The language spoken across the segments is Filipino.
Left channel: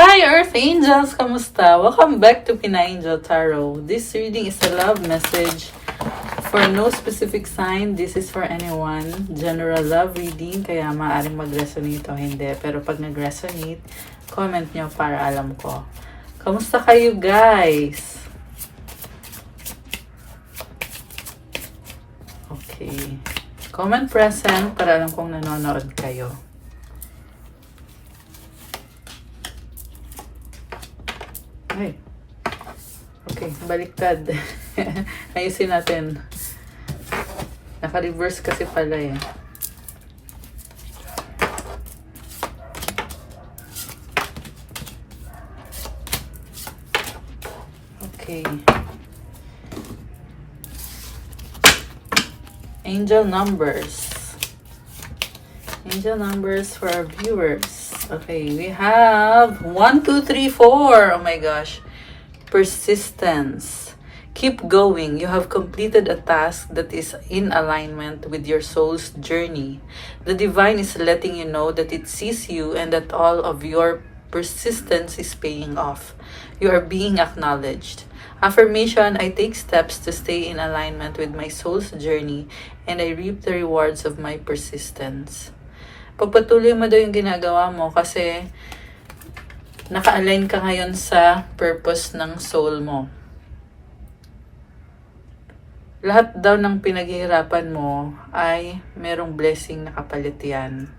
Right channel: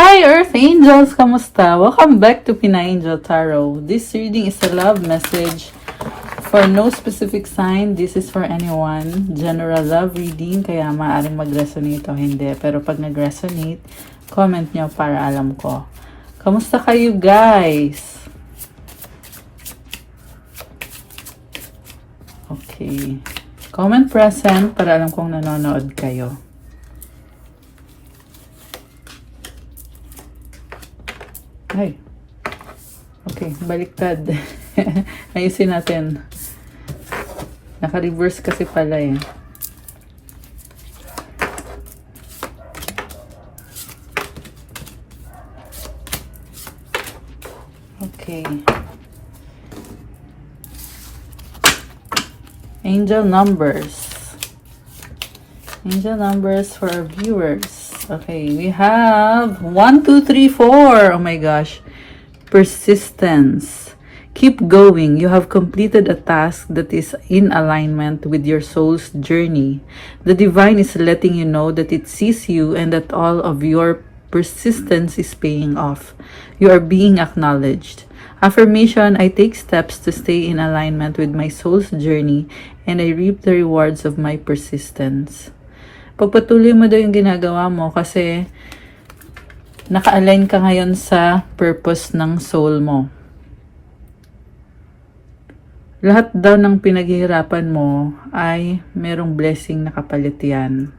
Hi Earth Angels! Kamusta? Welcome back to Pina Angel Tarot. This reading is a love message for no specific sign. This is for anyone. General love reading, kaya maaaring mag-resonate o hindi. Pero pag nag-resonate, comment nyo para alam ko. Kamusta kayo guys? Okay. Comment present para alam kong nanonood kayo. Ay. Okay, baliktad. Ayusin natin. Naka-reverse kasi pala eh. Okay. Angel numbers. Angel numbers for our viewers. Okay, we have 1, 2, 3, 4. Oh my gosh. Persistence. Keep going. You have completed a task that is in alignment with your soul's journey. The divine is letting you know that it sees you and that all of your persistence is paying off. You are being acknowledged. Affirmation, I take steps to stay in alignment with my soul's journey and I reap the rewards of my persistence. Pagpatuloy mo daw yung ginagawa mo kasi naka-align ka ngayon sa purpose ng soul mo. Lahat daw ng pinaghihirapan mo ay merong blessing na kapalit yan.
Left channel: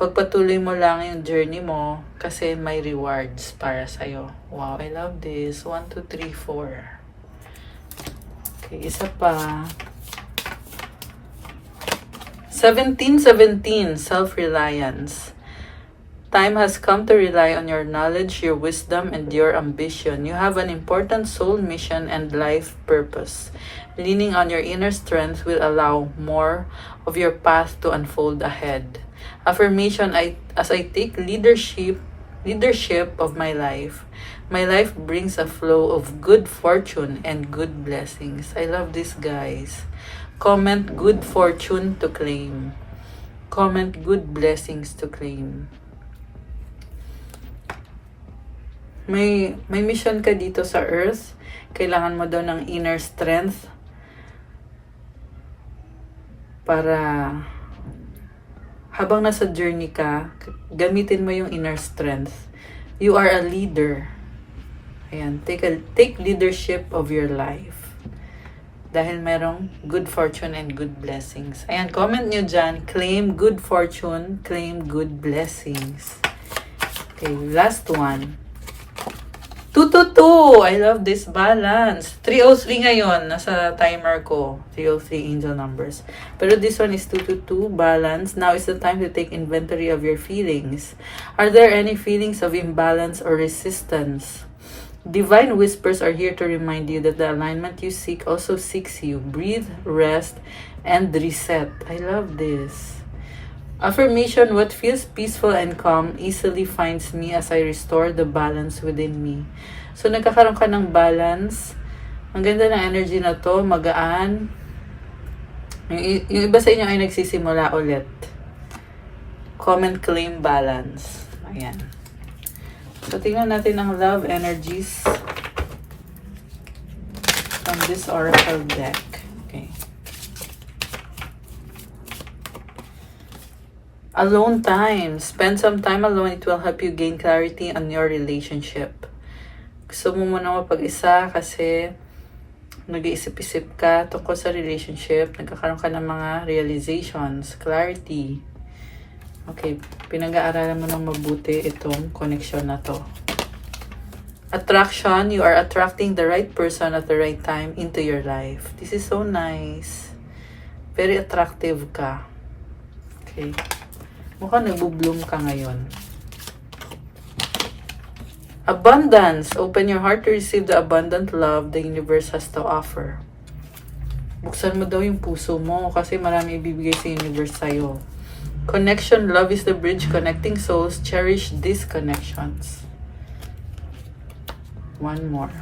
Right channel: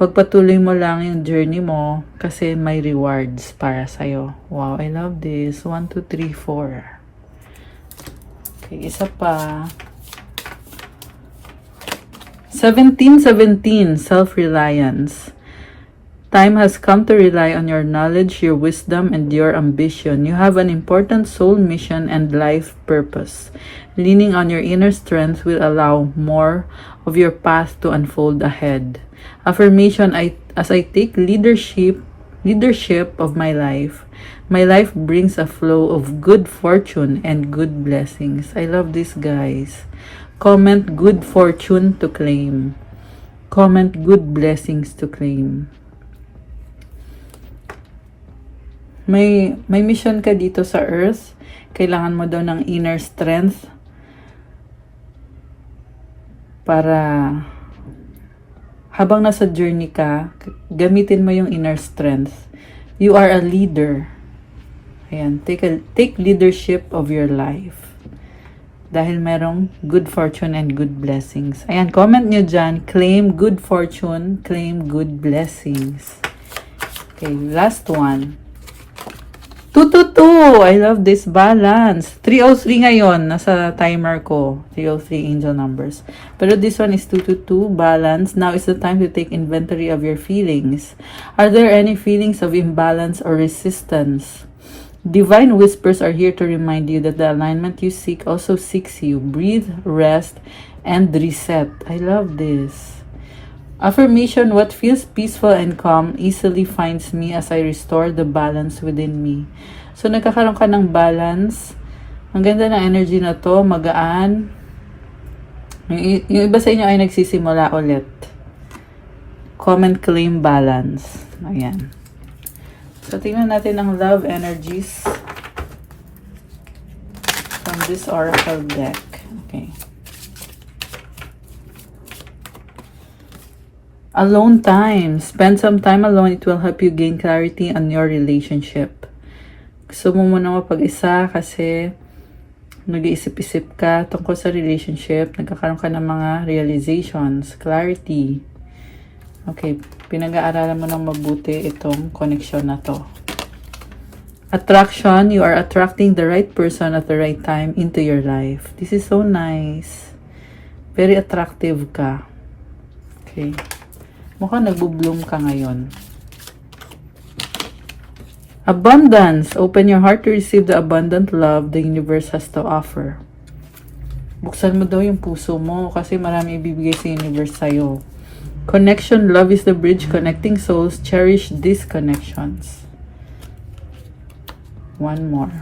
Pagpatuloy mo lang yung journey mo kasi may rewards para sa'yo. Wow, I love this. 1, 2, 3, 4. Okay, isa pa. 1717, self-reliance. Time has come to rely on your knowledge, your wisdom, and your ambition. You have an important soul mission and life purpose. Leaning on your inner strength will allow more of your path to unfold ahead. Affirmation, as I take leadership of my life brings a flow of good fortune and good blessings. I love this, guys. Comment good fortune to claim. Comment good blessings to claim. May mission ka dito sa earth. Kailangan mo daw ng inner strength para habang nasa journey ka, gamitin mo yung inner strength. You are a leader. Ayan, take leadership of your life. Dahil merong good fortune and good blessings. Ayan, comment nyo dyan. Claim good fortune, claim good blessings. Okay, last one. 222. I love this balance. 303 ngayon. Nasa timer ko. 303 angel numbers. Pero this one is 222. Balance. Now is the time to take inventory of your feelings. Are there any feelings of imbalance or resistance? Divine whispers are here to remind you that the alignment you seek also seeks you. Breathe, rest, and reset. I love this. Affirmation, what feels peaceful and calm easily finds me as I restore the balance within me. So, nagkakaroon ka ng balance. Ang ganda ng energy na to, magaan. Yung iba sa inyo ay nagsisimula ulit. Comment, claim, balance. Ayan. So, tingnan natin ang love energies from this oracle deck. Okay. Alone time. Spend some time alone. It will help you gain clarity on your relationship. Gusto mo muna mapag-isa kasi nag-iisip-isip ka tungkol sa relationship. Nagkakaroon ka ng mga realizations, clarity. Okay, pinag-aaralan mo ng mabuti itong connection na to. Attraction, you are attracting the right person at the right time into your life. This is so nice. Very attractive ka. Okay. Mukhang nagbo-bloom ka ngayon. Abundance. Open your heart to receive the abundant love the universe has to offer. Buksan mo daw yung puso mo kasi marami ibibigay sa universe sa'yo. Connection, love is the bridge connecting souls. Cherish these connections. One more.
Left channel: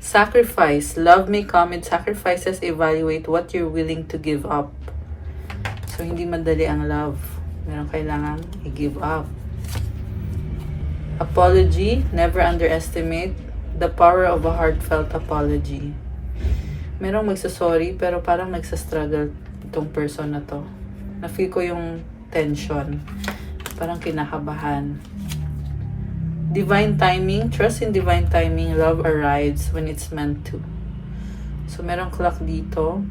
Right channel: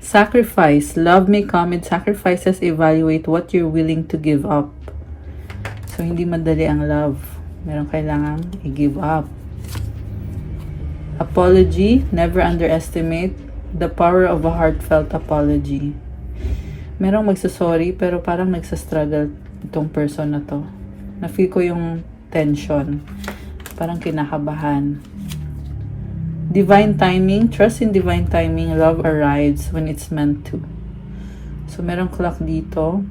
Sacrifice. Love may come with sacrifices. Evaluate what you're willing to give up. So, hindi madali ang love. Meron kailangan i-give up. Apology, never underestimate the power of a heartfelt apology. Merong magsasorry pero parang nagsastruggle itong person na to. Na-feel ko yung tension. Parang kinakabahan. Divine timing, trust in divine timing, love arrives when it's meant to. So merong clock dito.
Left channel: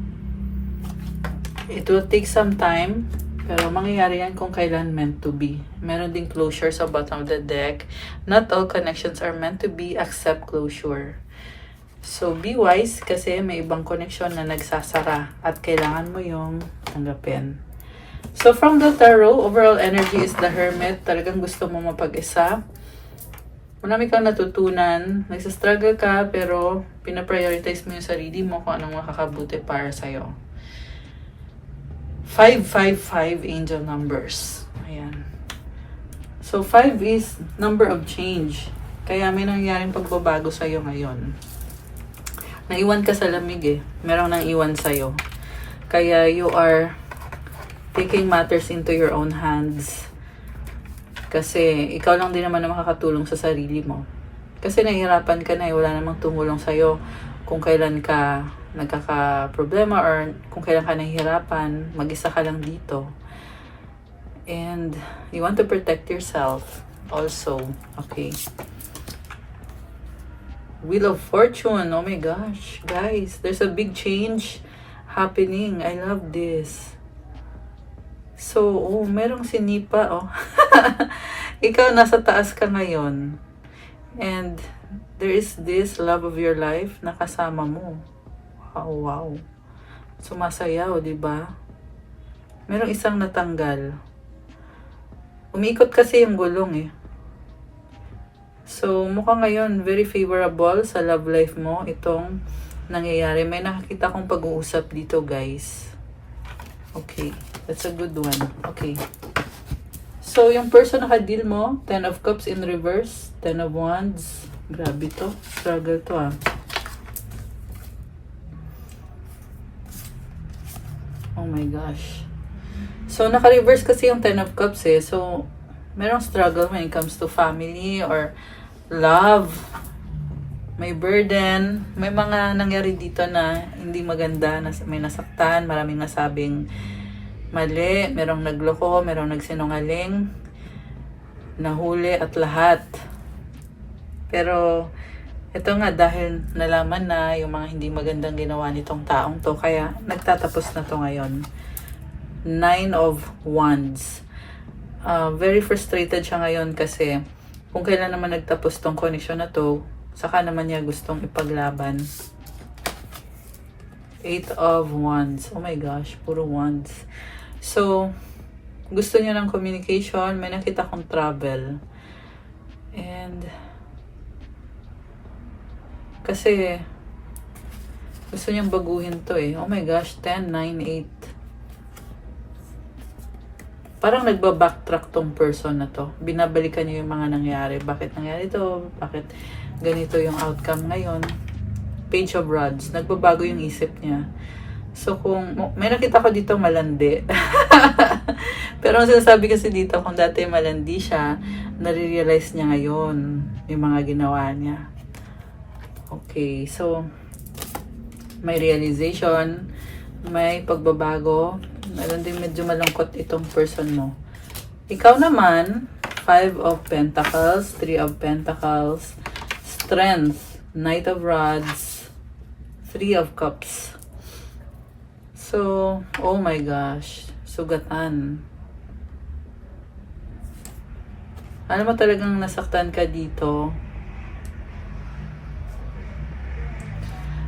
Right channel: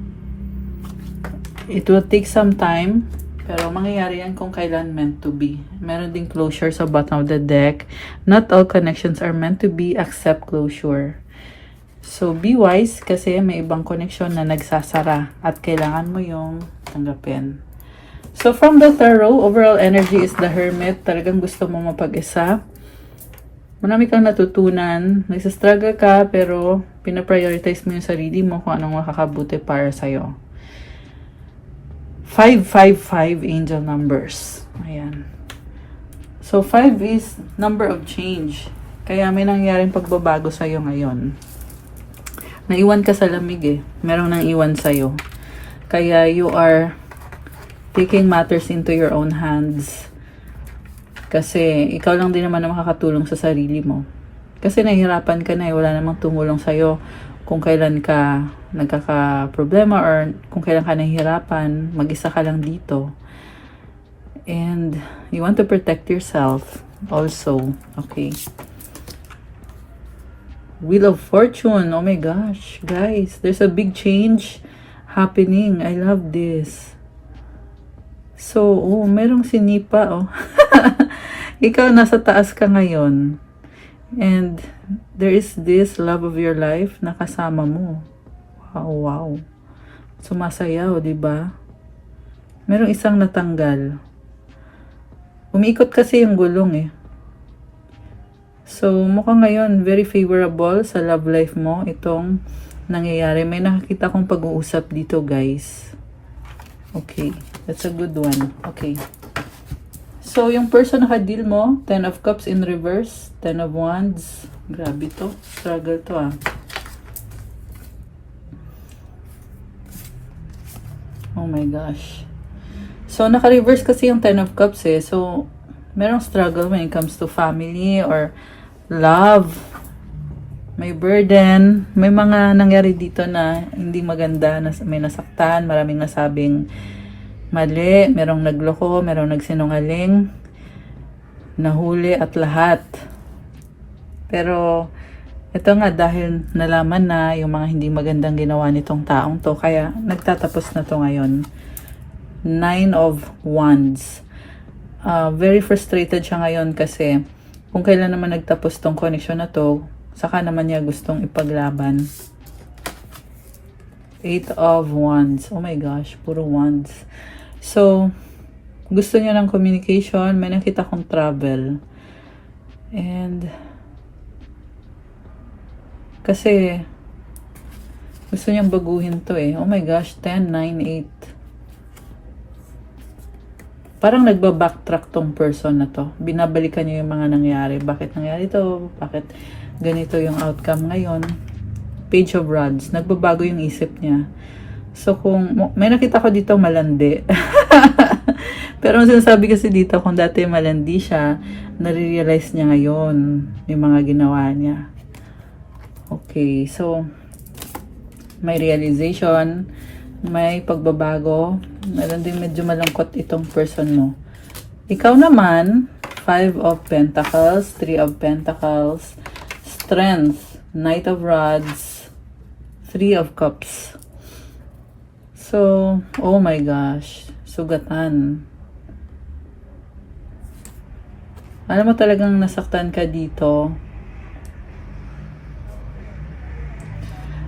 It will take some time, pero mangyayari yan kung kailan meant to be. Meron ding closure sa bottom of the deck. Not all connections are meant to be, accept closure. So be wise kasi may ibang connection na nagsasara at kailangan mo yung tanggapin. So from the tarot, overall energy is the Hermit. Talagang gusto mo mapag-isa. Marami kang natutunan. Nagsastruggle ka pero pinaprioritize mo yung sarili mo kung anong makakabuti para sa'yo. 555 angel numbers. Ayan. So 5 is number of change. Kaya may nangyaring pagbabago sa'yo ngayon. Naiwan ka sa lamig eh. Merong nang iwan sa'yo. Kaya you are taking matters into your own hands. Kasi ikaw lang din naman na makakatulong sa sarili mo. Kasi nahihirapan ka na eh. Wala namang tumulong sa'yo kung kailan ka nagkaka-problema or kung kailan ka nahihirapan. Mag-isa ka lang dito. And you want to protect yourself also. Okay. Wheel of Fortune. Oh my gosh. Guys, there's a big change happening. I love this. So, merong sinipa, oh. Ikaw nasa taas ka ngayon. And there is this love of your life na kasama mo. Wow. Sumasayaw, di ba? Merong isang natanggal. Umiikot kasi yung gulong eh. So, mukhang ngayon very favorable sa love life mo itong nangyayari. May nakakita kong pag-uusap dito, guys. Okay. That's a good one. Okay. So, yung person na ka-deal mo, 10 of Cups in reverse, 10 of Wands. Grabe to. Struggle to ah. Oh my gosh. So, naka-reverse kasi yung 10 of Cups eh. So, merong struggle when it comes to family or love. May burden. May mga nangyari dito na hindi maganda. May nasaktan. Maraming nasabing mali, merong nagloko, merong nagsinungaling, nahuli at lahat. Pero ito nga dahil nalaman na yung mga hindi magandang ginawa nitong taong to, kaya nagtatapos na to ngayon. 9 of Wands. Very frustrated siya ngayon kasi kung kailan naman nagtapos tong connection na to, saka naman niya gustong ipaglaban. 8 of Wands. Oh my gosh, puro Wands. So, gusto niya ng communication. May nakita kong travel. And, kasi, gusto niyang baguhin to eh. Oh my gosh, 10, 9, 8. Parang nagba-backtrack tong person na to. Binabalikan niya yung mga nangyari. Bakit nangyari to? Bakit ganito yung outcome ngayon? Page of Rods. Nagbabago yung isip niya. So, kung may nakita ko dito malandi. Pero ang sinasabi kasi dito, kung dati malandi siya, nare-realize niya ngayon yung mga ginawa niya. Okay, so, may realization, may pagbabago, meron din medyo malangkot itong person mo. Ikaw naman, 5 of Pentacles, 3 of Pentacles, Strength, Knight of Rods, 3 of Cups. So, oh my gosh, sugatan. Alam mo talagang nasaktan ka dito.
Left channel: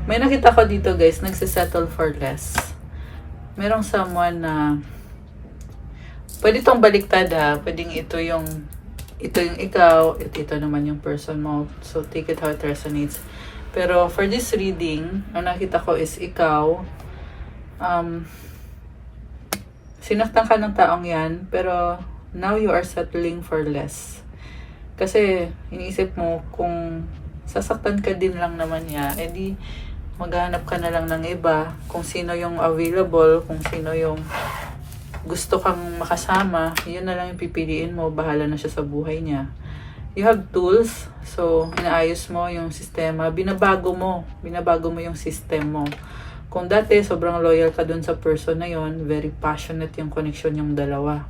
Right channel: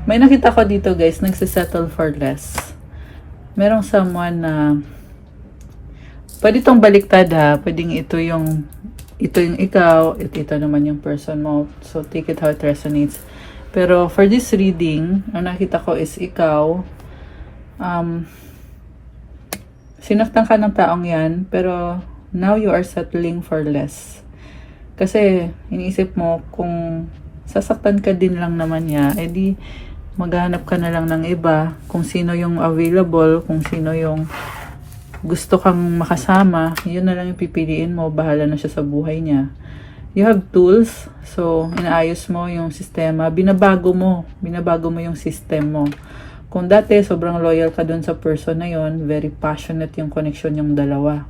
May nakita ko dito guys, nagsisettle for less. Merong someone na pwede itong baliktad ha. Pwedeng ito yung ikaw, ito naman yung person mo. So, take it how it resonates. Pero for this reading, ang nakita ko is ikaw, sinaktan ka ng taong yan, pero now you are settling for less. Kasi iniisip mo kung sasaktan ka din lang naman niya, edi maghanap ka na lang ng iba, kung sino yung available, kung sino yung gusto kang makasama, yun na lang yung pipiliin mo, bahala na siya sa buhay niya. you have tools. So, inaayos mo yung sistema. Binabago mo yung system mo. Kung dati, sobrang loyal ka dun sa person na yon, very passionate yung connection yung dalawa.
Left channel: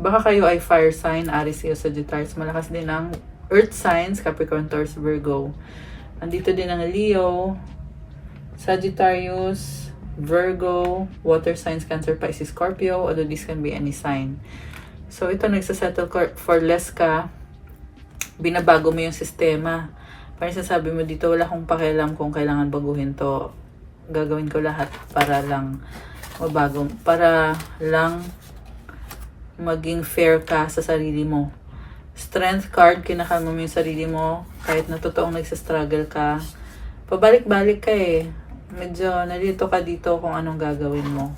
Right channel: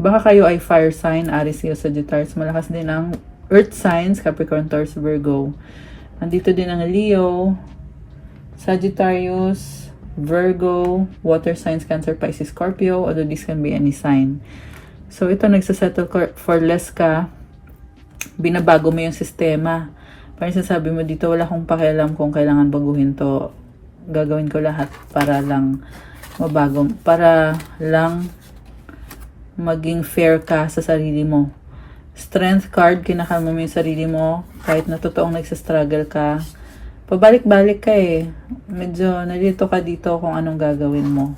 Baka kayo ay fire sign, Aries, Leo, Sagittarius. Malakas din ang earth signs, Capricorn, Taurus, Virgo. Nandito din ang Leo, Sagittarius, Virgo, water signs, Cancer, Pisces, Scorpio, although this can be any sign. So, ito nagsasettle for less ka, binabago mo yung sistema. Parang sasabi mo dito, wala akong pakialam kung kailangan baguhin to. Gagawin ko lahat para lang mabago, para lang maging fair ka sa sarili mo. Strength card, kinakalma mo yung sarili mo, kahit na totoong nagsastruggle ka. Pabalik-balik ka eh. Medyo nalito ka dito kung anong gagawin mo.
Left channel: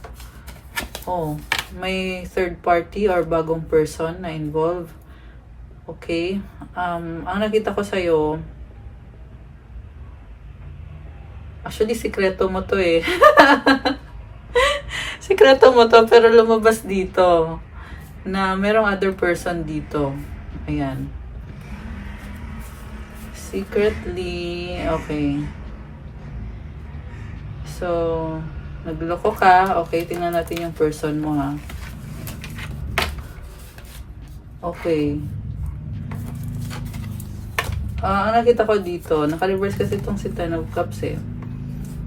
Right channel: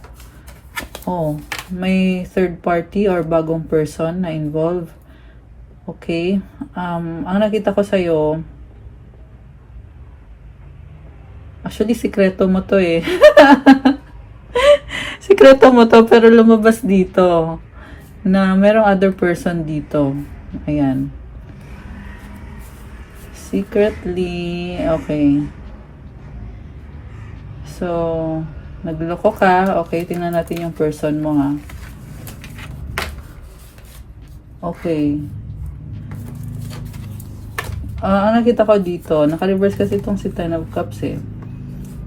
Oh, may third party or bagong person na involved. Okay. Ang nakita ko sa'yo, actually, sikreto mo to eh. Sikreto mo to, pero lumabas dito na merong other person dito. Ayan. Secretly, okay. So, nagloko ka. Okay, tingnan natin yung person mo ha. Okay. Ang nakita ko dito, naka-reverse kasi itong si Ten of Cups eh.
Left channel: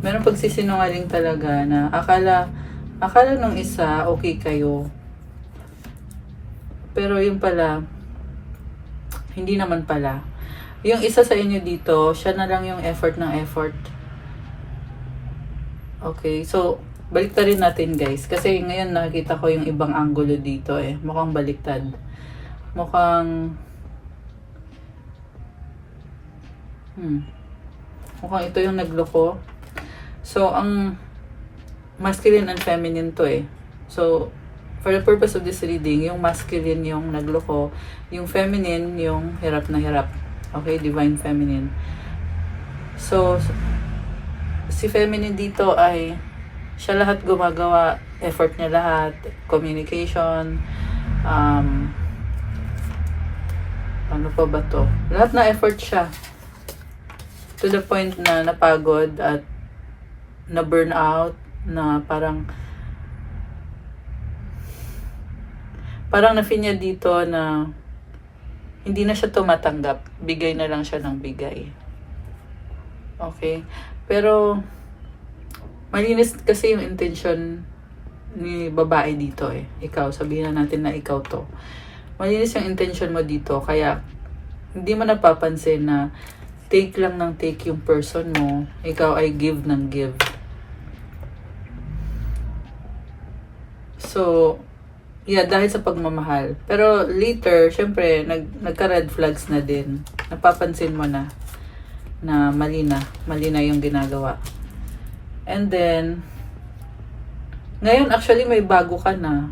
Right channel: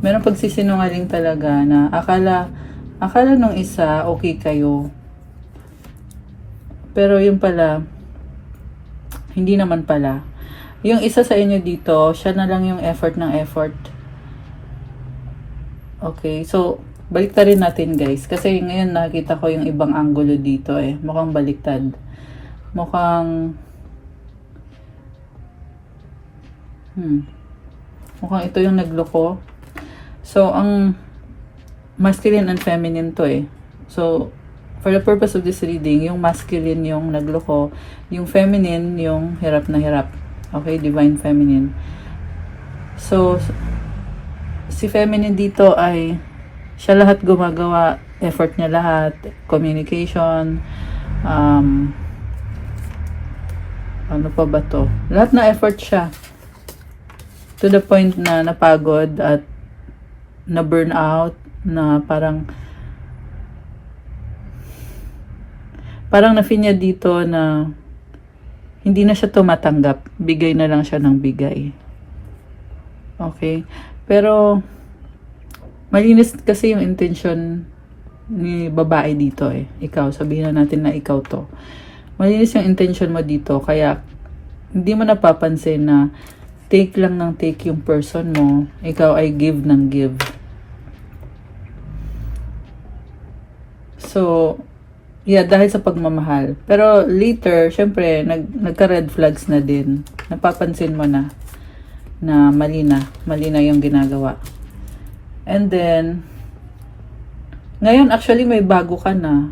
Merong pagsisinungaling talaga na akala nung isa okay kayo. Pero yung pala, hindi naman pala. Yung isa sa inyo dito, siya na lang yung effort ng effort. Okay, so baliktarin natin guys. Kasi ngayon nakikita ko yung ibang angulo dito eh. Mukhang baliktad. Mukhang ito yung nagloko. So, ang masculine and feminine to eh. So, for the purpose of this reading, yung masculine yung nagloko, yung feminine yung hirap na hirap. Okay, divine feminine. So, si feminine dito ay siya lahat gumagawa, effort niya lahat, communication, ano pa ba to? Lahat na effort siya. To the point na napagod at na burnout, na parang na-feel niya dito na hindi na siya tumatanggap. Bigay na lang siya ng bigay. Okay? Pero malinis kasi yung intention ni babae dito eh. Ikaw, sabihin na natin na ikaw to. Malinis yung intention mo dito. Kaya hindi mo napapansin na take lang ng take yung person mo. Ikaw ay give ng give. So, yeah, dahil sa pagmamahal. Pero later, syempre, nagka-red flags na din. Napapansin mo na mali na yung ginagawa. And then, ngayon actually may bago ka na.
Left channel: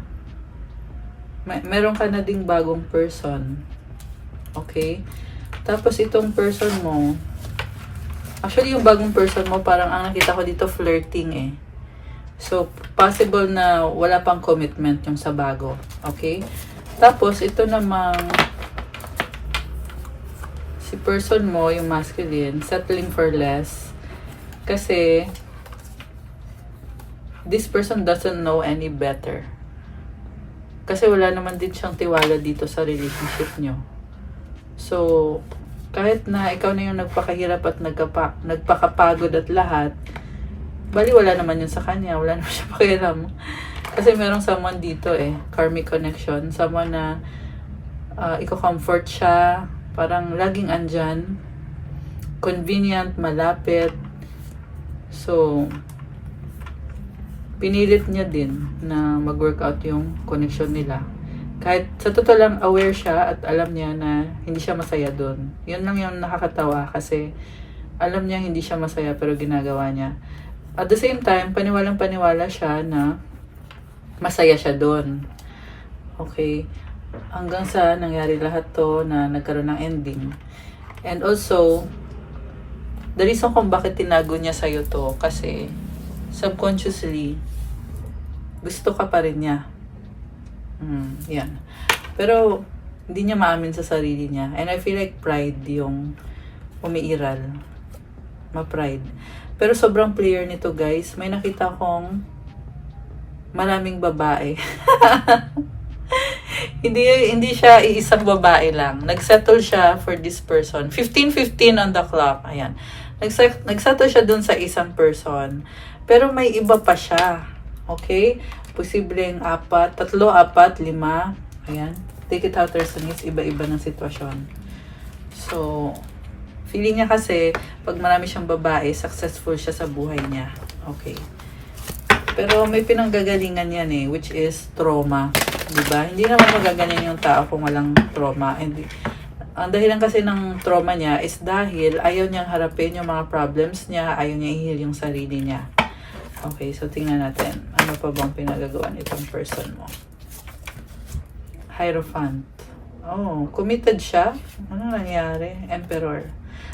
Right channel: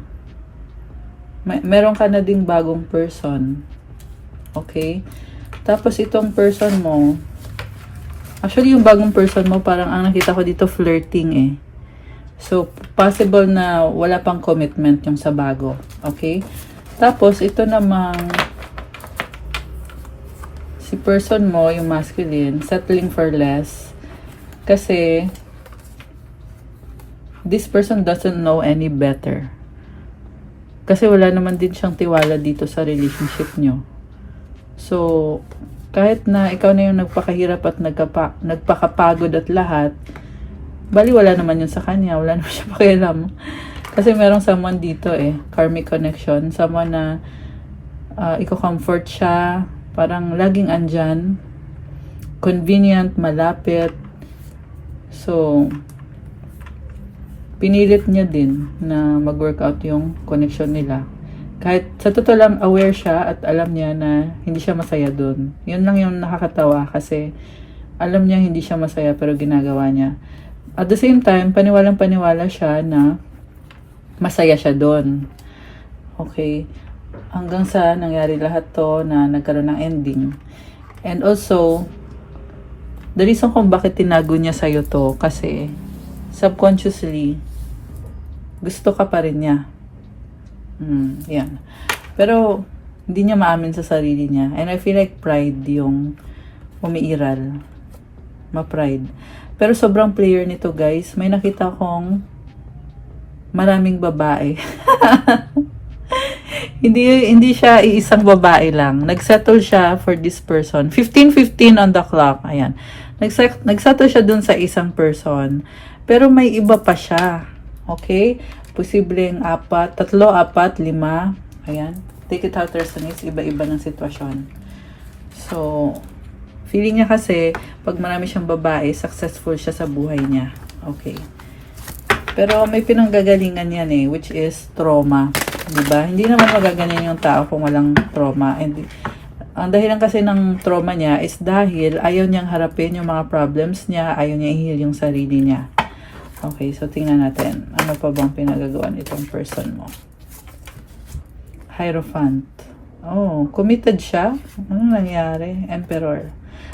Meron ka na ding bagong person. Okay? Tapos itong person mo, actually yung bagong person mo, parang ang nakita ko dito flirting eh. So, possible na wala pang commitment yung sa bago. Okay? Tapos, ito namang si person mo, yung masculine, settling for less. Kasi, this person doesn't know any better. Kasi wala naman din siyang tiwala dito sa relationship nyo. So, kahit na ikaw na yung nagpakahirap at nagpakapagod at lahat, bali wala naman yun sa kanya, wala naman siya pakialam. Kasi merong someone dito eh, karmic connection, someone na iko-comfort siya, parang laging andyan, convenient, malapit. So, pinilit niya din na mag-workout yung connection nila. Kahit sa totoo lang aware siya at alam niya na hindi siya masaya doon. Yun lang yung nakakatawa kasi alam niya hindi siya masaya pero ginagawa niya. At the same time, paniwalang-paniwala siya na masaya siya doon. Okay. Hanggang sa nangyari lahat to na nagkaroon ng ending. And also, the reason kung bakit tinago niya sa'yo to, kasi subconsciously, gusto ka pa rin niya. Yan. Pero, Hindi niya maamin sa sarili niya. And I feel like pride yung umiiral. Ma-pride. Pero sobrang player nito, guys. May nakita kong maraming babae. Hindi siya iisang babae lang. Nagsettle siya for this person. 15:15 on the clock. Ayan. Nagsettle siya dun sa isang person. Pero may iba pa siya. Okay? Posibleng 4, 3, 4, 5. Ayan. Take it how there's iba-iba ng sitwasyon. So, feeling niya kasi, pag marami siyang babae, successful siya sa buhay niya. Okay. Pero may pinanggagalingan yan which is trauma. Diba? Hindi naman magaganyan yung tao kung walang trauma. And ang dahilan kasi ng trauma niya is dahil ayaw niyang harapin yung mga problems niya, ayaw niya i-heal yung sarili niya. Okay, so tingnan natin. Ano pa bang pinagagawa nitong person mo? Hierophant. Oh, committed siya? Ano nangyari? Emperor.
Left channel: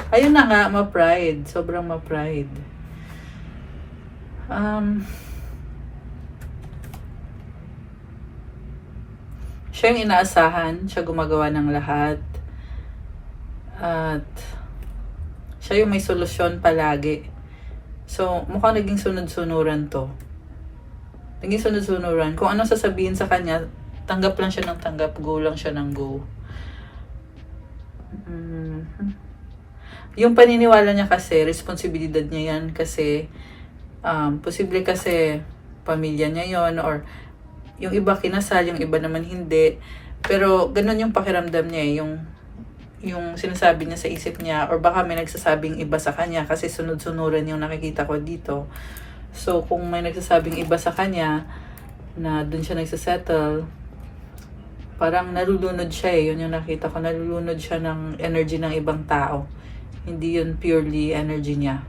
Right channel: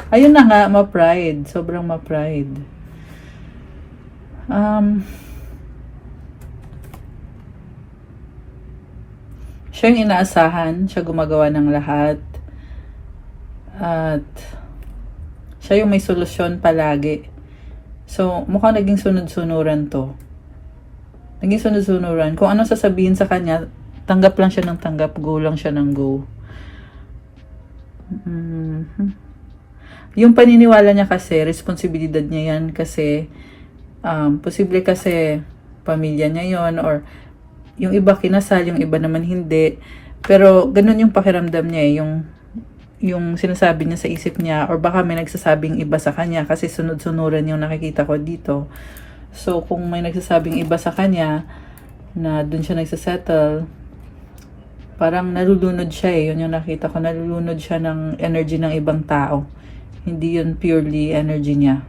Ayun na nga, ma-pride. Sobrang ma-pride. Siya yung inaasahan, siya gumagawa ng lahat, at siya yung may solusyon palagi. So, mukhang naging sunod-sunuran to. Naging sunod-sunuran. Kung ano sasabihin sa kanya, tanggap lang siya ng tanggap, go lang siya ng go. Yung paniniwala niya kasi, responsibilidad niya yan kasi, posible kasi pamilya niya yon, or yung iba kinasal, yung iba naman hindi. Pero ganun yung pakiramdam niya, yung sinasabi niya sa isip niya, or baka may nagsasabing iba sa kanya kasi sunod-sunuran yung nakikita ko dito. So kung may nagsasabing iba sa kanya na dun siya nagsasettle, parang nalulunod siya yun yung nakita ko, nalulunod siya ng energy ng ibang tao. Hindi yun purely energy niya.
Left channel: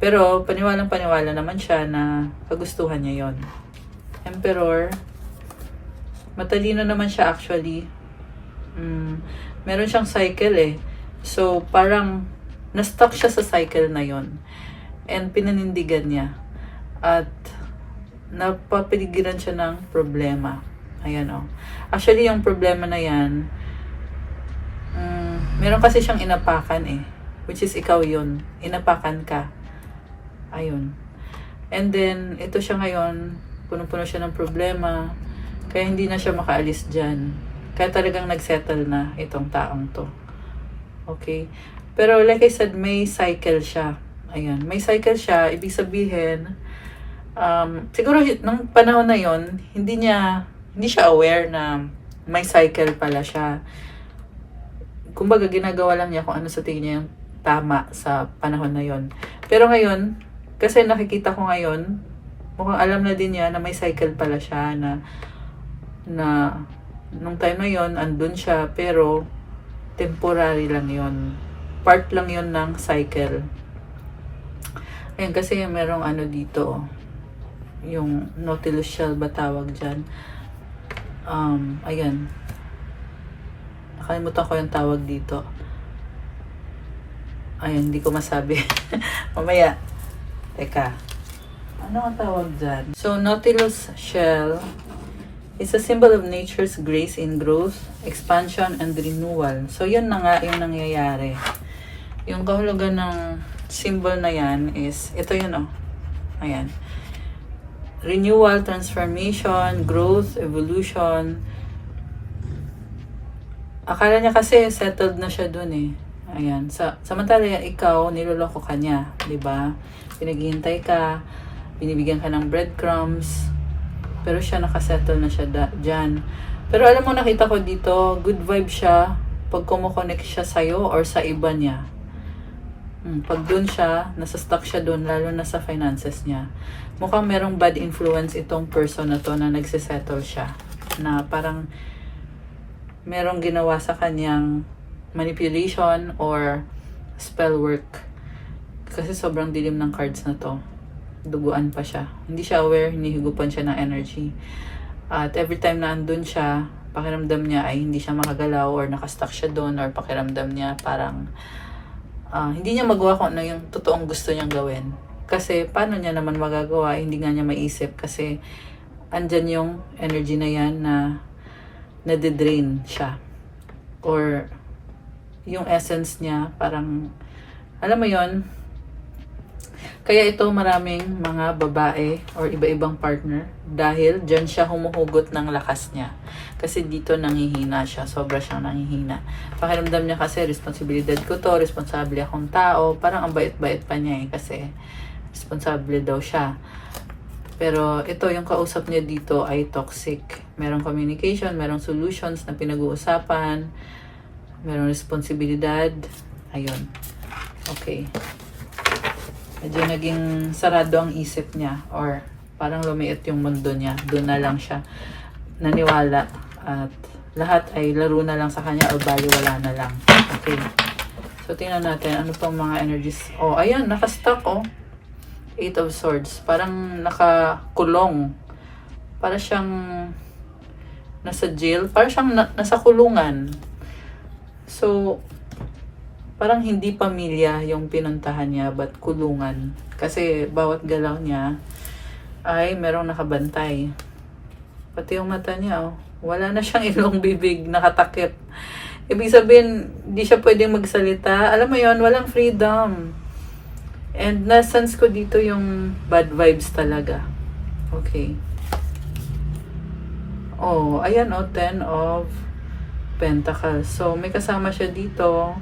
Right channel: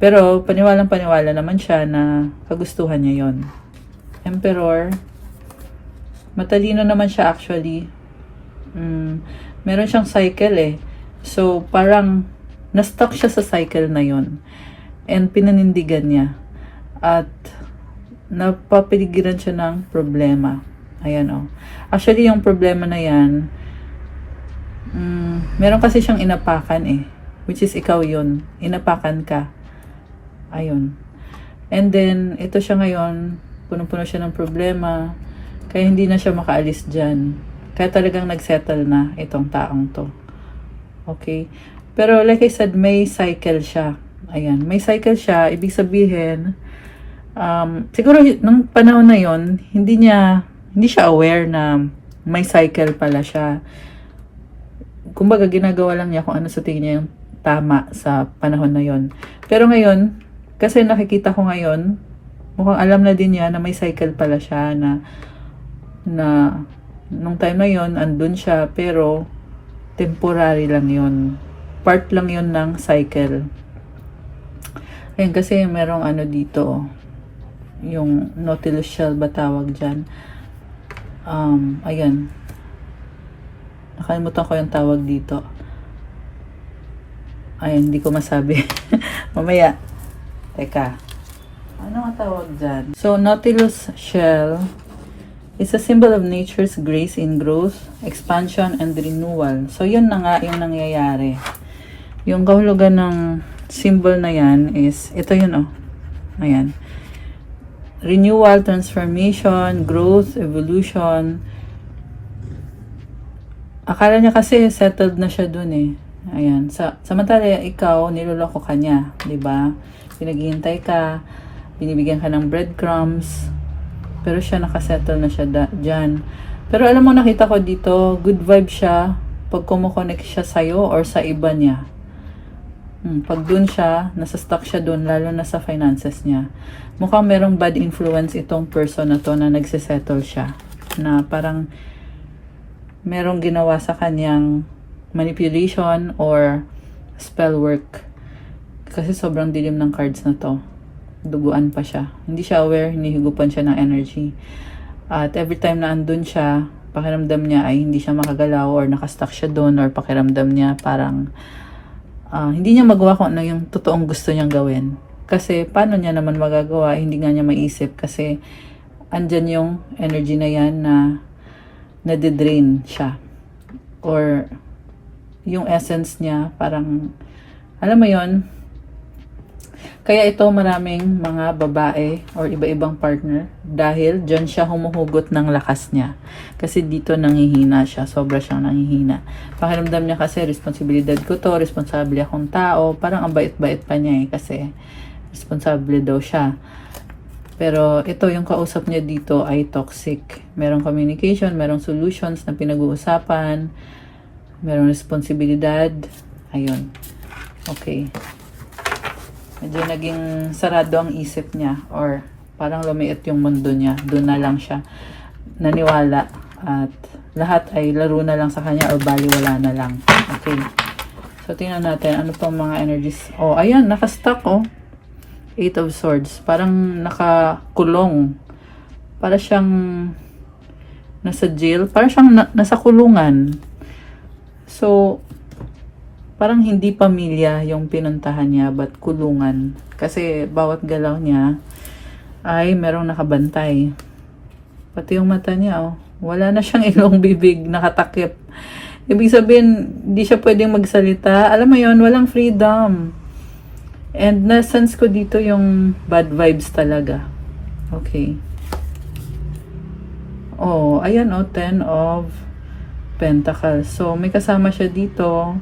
Pero paniwalang-paniwala naman siya na kagustuhan niya yon. Emperor, matalino naman siya actually. Meron siyang cycle So, parang na-stuck siya sa cycle na yon. And pinanindigan niya. At napapiligiran siya ng problema. Ayan Actually, yung problema na yan, meron kasi siyang inapakan which is ikaw yun. Inapakan ka. Ayun. And then, ito siya ngayon, puno-puno siya ng problema, kaya hindi na siya makaalis dyan. Kaya talagang nagsettle na itong taong to. Okay? Pero like I said, may cycle siya. Ayan, may cycle siya. Ibig sabihin, siguro nung panahon na yon, hindi siya aware na may cycle pala siya. Kumbaga, ginagawa lang niya kung ano sa tingin niya yung tama sa panahon na yon. Pero ngayon, kasi nakikita ko ngayon, mukhang alam na din niya na may cycle pala siya na nung time na yon andun siya, pero temporary lang yon, part lang yon ng cycle. Ayan, kasi merong dito, yung Nautilus shell ba tawag dyan. Ayan, nakalimutan ko yung tawag dito. Ayan, hindi ko masabi. Mamaya, teka, ano ang tawag dyan? So, Nautilus shell is a symbol of nature's grace in growth, expansion, and renewal. So, yun na nga yung nangyayari. Yung kahulugan ng symbol na yan is, ito yun Ayan. Renewal, transformation, growth, evolution. Akala niya kasi settled na siya dun Ayan. Samantala, ikaw, niloloko ka niya. Diba? Pinaghihintay ka, binibigyan ka ng breadcrumbs, pero siya nakasettle na siya dyan. Pero alam mo, nakita ko dito, good vibe siya pag kumukonect siya sa'yo or sa iba niya. Pag dun siya, nasa-stuck siya dun, lalo na sa finances niya. Mukhang merong bad influence itong person na to na nagsisettle siya. Na parang merong ginawa sa kanyang manipulation or spell work. Kasi sobrang dilim ng cards na to. Duguan pa siya. Hindi siya aware, hinihigupan siya ng energy. At every time na andun siya, pakiramdam niya ay hindi siya makagalaw or nakastuck siya doon, or pakiramdam niya parang hindi niya magawa kung ano yung totoong gusto niyang gawin. Kasi paano niya naman magagawa, hindi nga niya maisip kasi andyan yung energy na yan na nade-drain siya. or yung essence niya, parang, alam mo yon. Kaya ito maraming mga babae or iba-ibang partner dahil dyan siya humuhugot ng lakas niya. Kasi dito nangihina siya. Sobra siyang nangihina. Pakiramdam niya kasi responsibilidad ko to, responsable akong tao. Parang ang bait-bait pa niya kasi responsable daw siya. Pero ito yung kausap niya dito ay toxic. Merong communication, merong solutions na pinag-uusapan, merong responsibilidad. Ayun. Okay. Medyo naging sarado ang isip niya or parang lumiit yung mundo niya. Doon na lang siya naniwala at lahat ay laro na lang sa kanya o baliwala na lang. Okay. So, tingnan natin ano tong mga energies. Oh, ayan, nakastuck oh. 8 of Swords. Parang nakakulong. Para siyang nasa jail. Para siyang nasa kulungan. So, parang hindi pamilya yung pinuntahan niya, but kulungan. Kasi bawat galaw niya ay merong nakabantay. Pati yung mata niya, oh, wala na siyang ilong, bibig, nakatakip. Ibig sabihin, hindi siya pwedeng magsalita. Alam mo yon, walang freedom. And na-sense ko dito yung bad vibes talaga. Okay. Oh, ayan oh, 10 of Pentacles. So, may kasama siya dito.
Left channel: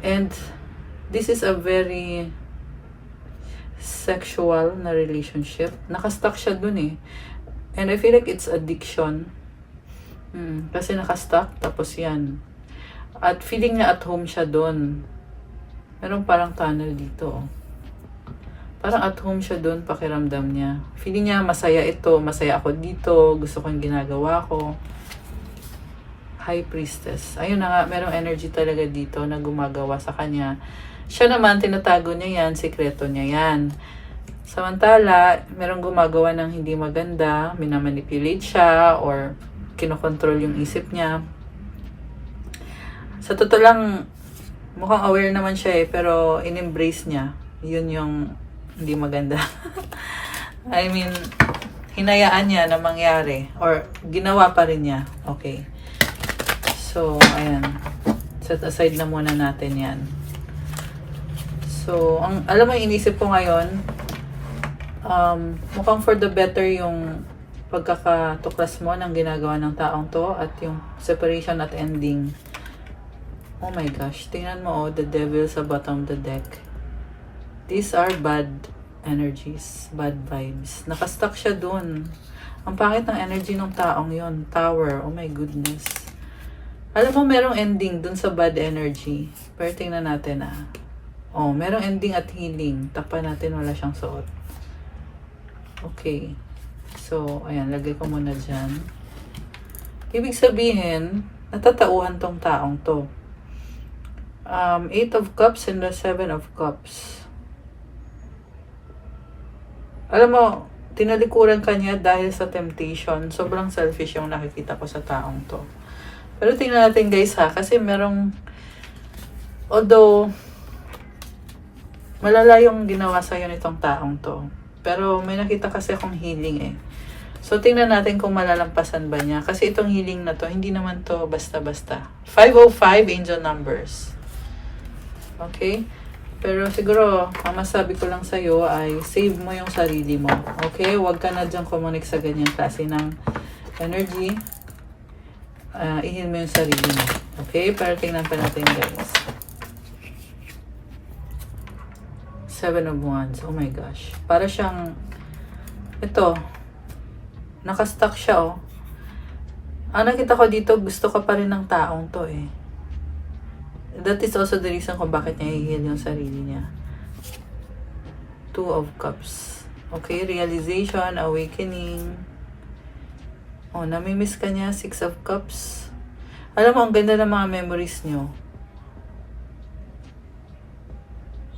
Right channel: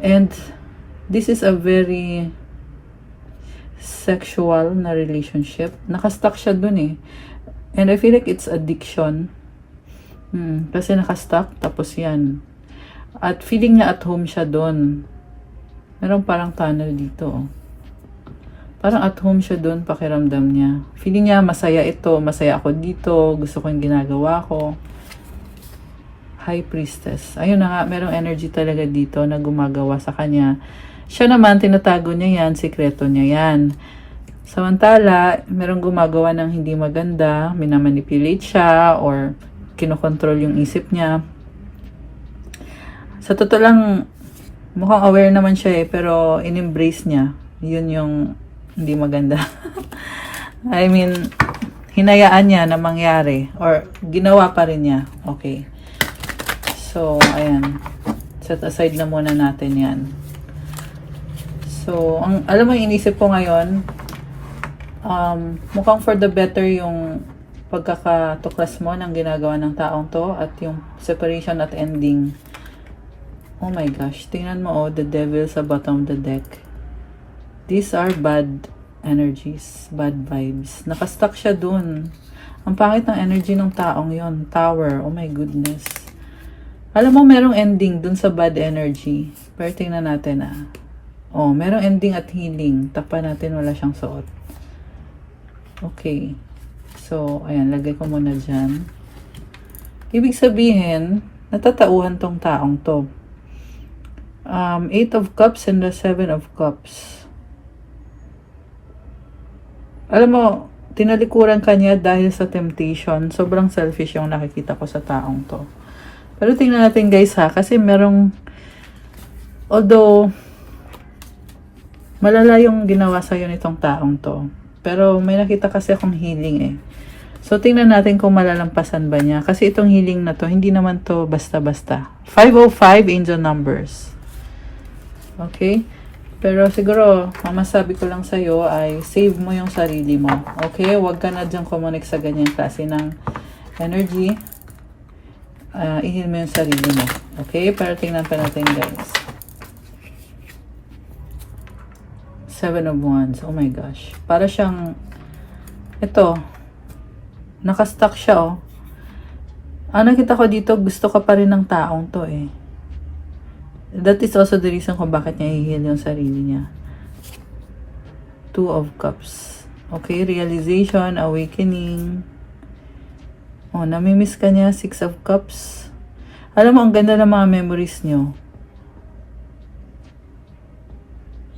And this is a very sexual na relationship. Nakastuck siya dun eh. And I feel like it's addiction. Kasi nakastuck, tapos yan. At feeling niya at home siya dun. Meron parang tunnel dito. Oh. Parang at home siya dun, pakiramdam niya. Feeling niya masaya ito, masaya ako dito, gusto kong ginagawa ko. High Priestess. Ayun na nga, merong energy talaga dito na gumagawa sa kanya. Siya naman, tinatago niya yan, sikreto niya yan. Samantala, merong gumagawa ng hindi maganda, minamanipulate siya, or kinokontrol yung isip niya. Sa totoo lang, mukhang aware naman siya pero in-embrace niya. Yun yung hindi maganda. I mean, hinayaan niya na mangyari, or ginawa pa rin niya. Okay. So, ayan. Set aside na muna natin yan. So, alam mo, inisip ko ngayon, mukhang for the better yung pagkakatuklas mo ng ginagawa ng taong to at yung separation at ending. Oh my gosh. Tingnan mo, oh, the devil sa bottom of the deck. These are bad energies, bad vibes. Nakastuck siya dun. Ang pangit ng energy ng taong yon. Tower. Oh my goodness. Alam mo, merong ending dun sa bad energy. Pero tingnan natin Oh, merong ending at healing. Takpan natin, wala siyang suot. Okay. So, ayan, lagay ko muna dyan. Ibig sabihin, natatauhan tong taong to. 8 of Cups and the 7 of Cups. Alam mo, tinalikuran kanya dahil sa temptation. Sobrang selfish yung nakikita ko sa taong to. Pero tingnan natin guys kasi merong, although, malala yung ginawa sa'yo nitong taong to. Pero may nakita kasi akong healing So tingnan natin kung malalampasan ba niya. Kasi itong healing na to, hindi naman to basta-basta. 505 angel numbers. Okay? Pero siguro, ang masabi ko lang sa'yo ay save mo yung sarili mo. Okay? Huwag ka na dyan kumunik sa ganyan klase ng energy. I-heal mo yung sarili mo. Okay? Pero tingnan pa natin guys. 7 of Wands. Oh my gosh. Para siyang, ito, nakastuck siya Ang nakita ko dito, gusto ka pa rin ng taong to That is also the reason kung bakit niya i-heal yung sarili niya. 2 of Cups. Okay, realization, awakening. Namimiss ka niya, 6 of Cups. Alam mo, ang ganda ng mga memories niyo.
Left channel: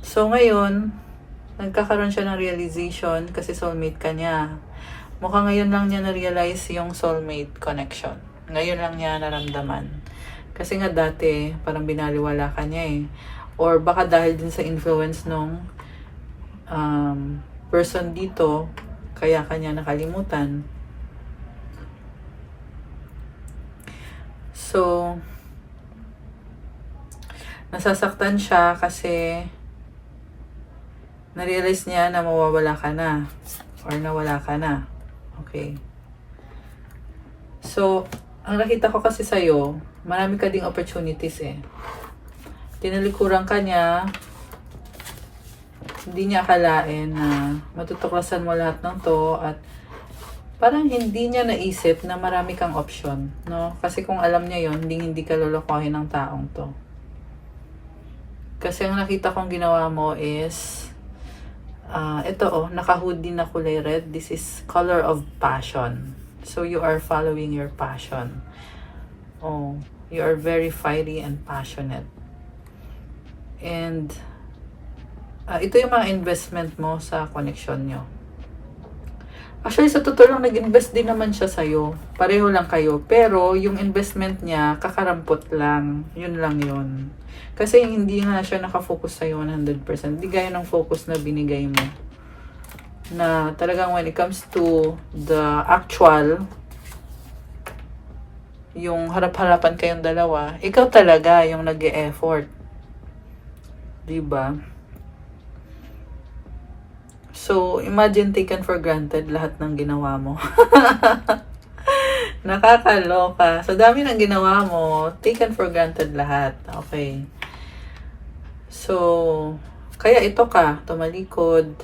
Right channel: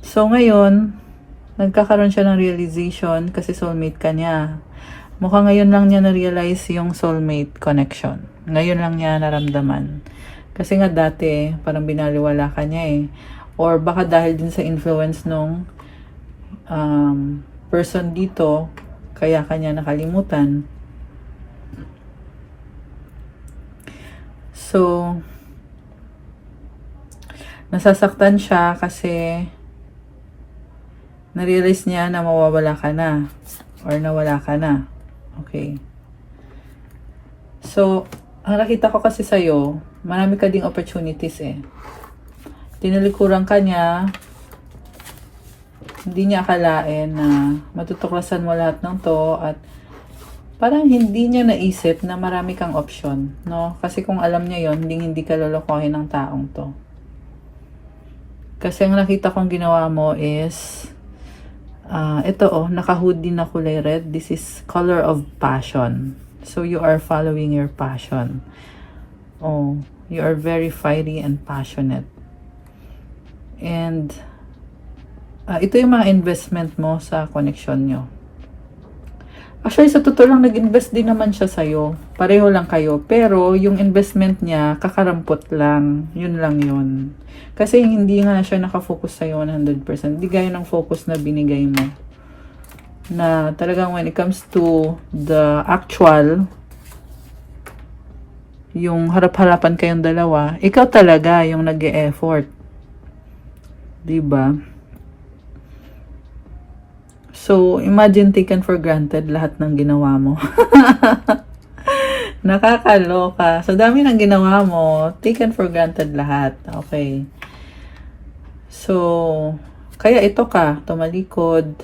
So, ngayon, nagkakaroon siya ng realization kasi soulmate ka niya. Mukhang ngayon lang niya na-realize yung soulmate connection. Ngayon lang niya naramdaman. Kasi nga dati, parang binaliwala ka niya Or baka dahil din sa influence nung person dito, kaya kanya nakalimutan. So, Nasasaktan siya kasi na-realize niya na mawawala ka na or nawala ka na. Okay. So, ang nakita ko kasi sa'yo, marami ka ding opportunities eh. Tinalikuran ka niya, hindi niya akalain na matutuklasan mo lahat ng to at parang hindi niya naisip na marami kang option, no? Kasi kung alam niya yon, hindi ka lolokohin ng taong to. Kasi ang nakita kong ginawa mo is ito naka-hoodie na kulay red. This is color of passion. So you are following your passion. Oh, you are very fiery and passionate. And ito yung mga investment mo sa connection nyo. Actually, sa totoo lang, nag-invest din naman siya sa'yo. Pareho lang kayo. Pero, yung investment niya, kakarampot lang. Yun lang yun. Kasi hindi nga siya nakafocus sa'yo 100%. Hindi gaya ng focus na binigay mo. Na talagang when it comes to the actual, yung harap-harapan kayong dalawa, ikaw talaga yung nag-e-effort. Diba? So, imagine taken for granted lahat ng ginawa mo. Nakakaloka. So, dami ng ginawa mo, taken for granted lahat. Okay. So, kaya ito ka, tumalikod.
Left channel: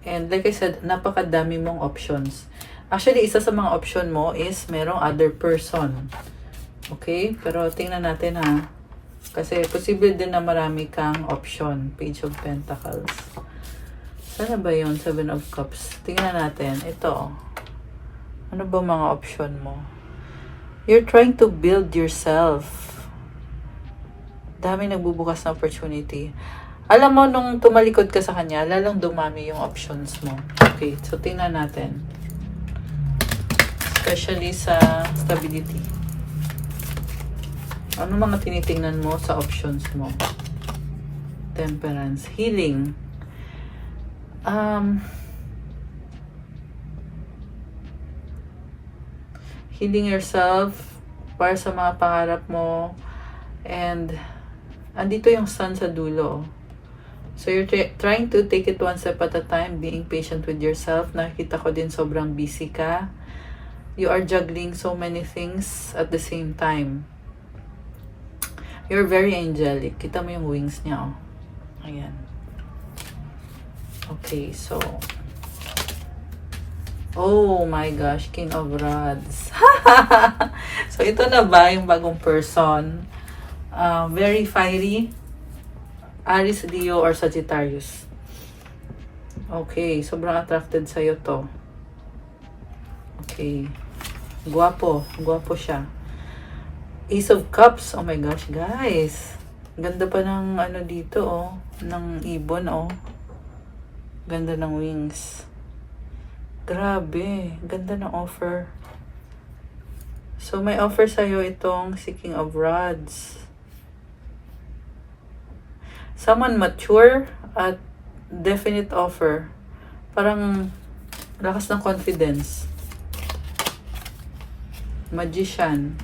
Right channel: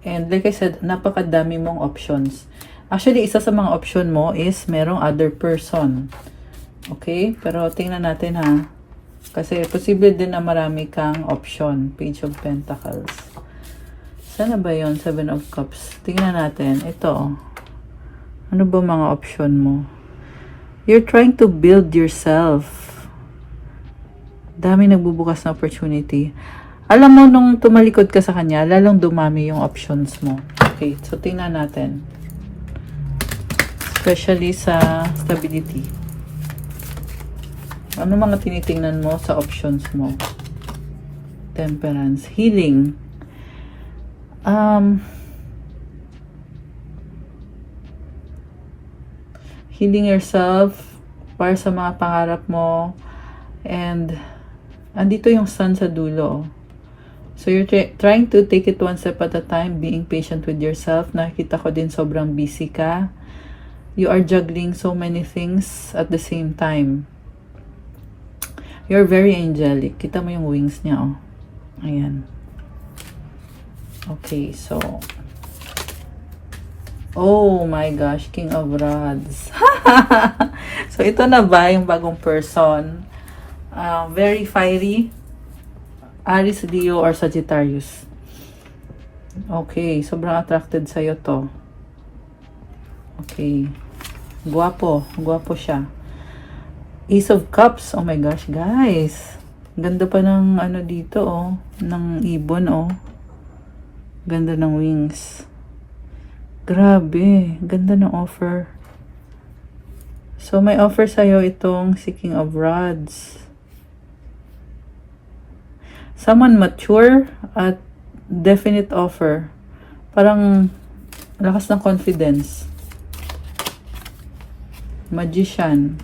And like I said, napakadami mong options. Actually, isa sa mga option mo is merong other person. Okay? Pero tingnan natin ha. Kasi posible din na marami kang option. Page of Pentacles. Sana ba yun? Seven of Cups. Tingnan natin. Ito. Ano ba mga option mo? You're trying to build yourself. Dami nagbubukas na opportunity. Alam mo, nung tumalikod ka sa kanya, lalong dumami yung options mo. Okay. So, tingnan natin. Especially sa stability. Ano mga tinitingnan mo sa options mo? Temperance. Healing. Healing yourself para sa mga pangarap mo, and andito yung sun sa dulo. So you're trying to take it one step at a time, being patient with yourself. Nakita ko din sobrang busy ka. You are juggling so many things at the same time. You're very angelic. Kita mo yung wings niya, oh. Ayan. Okay, so oh my gosh, King of Rods. So ito na ba yung bagong person? Very fiery. Aries, Leo, or Sagittarius. Okay, sobrang attracted sa'yo to. Okay. Guwapo. Guwapo siya. Ace of Cups. Oh my gosh, guys. Ganda pa ng ano dito, oh. Ng ibon, oh. Ganda ng wings. Grabe. Ganda ng offer. So, may offer sa'yo itong si King of Rods. Someone mature at definite offer. Parang lakas ng confidence. Magician.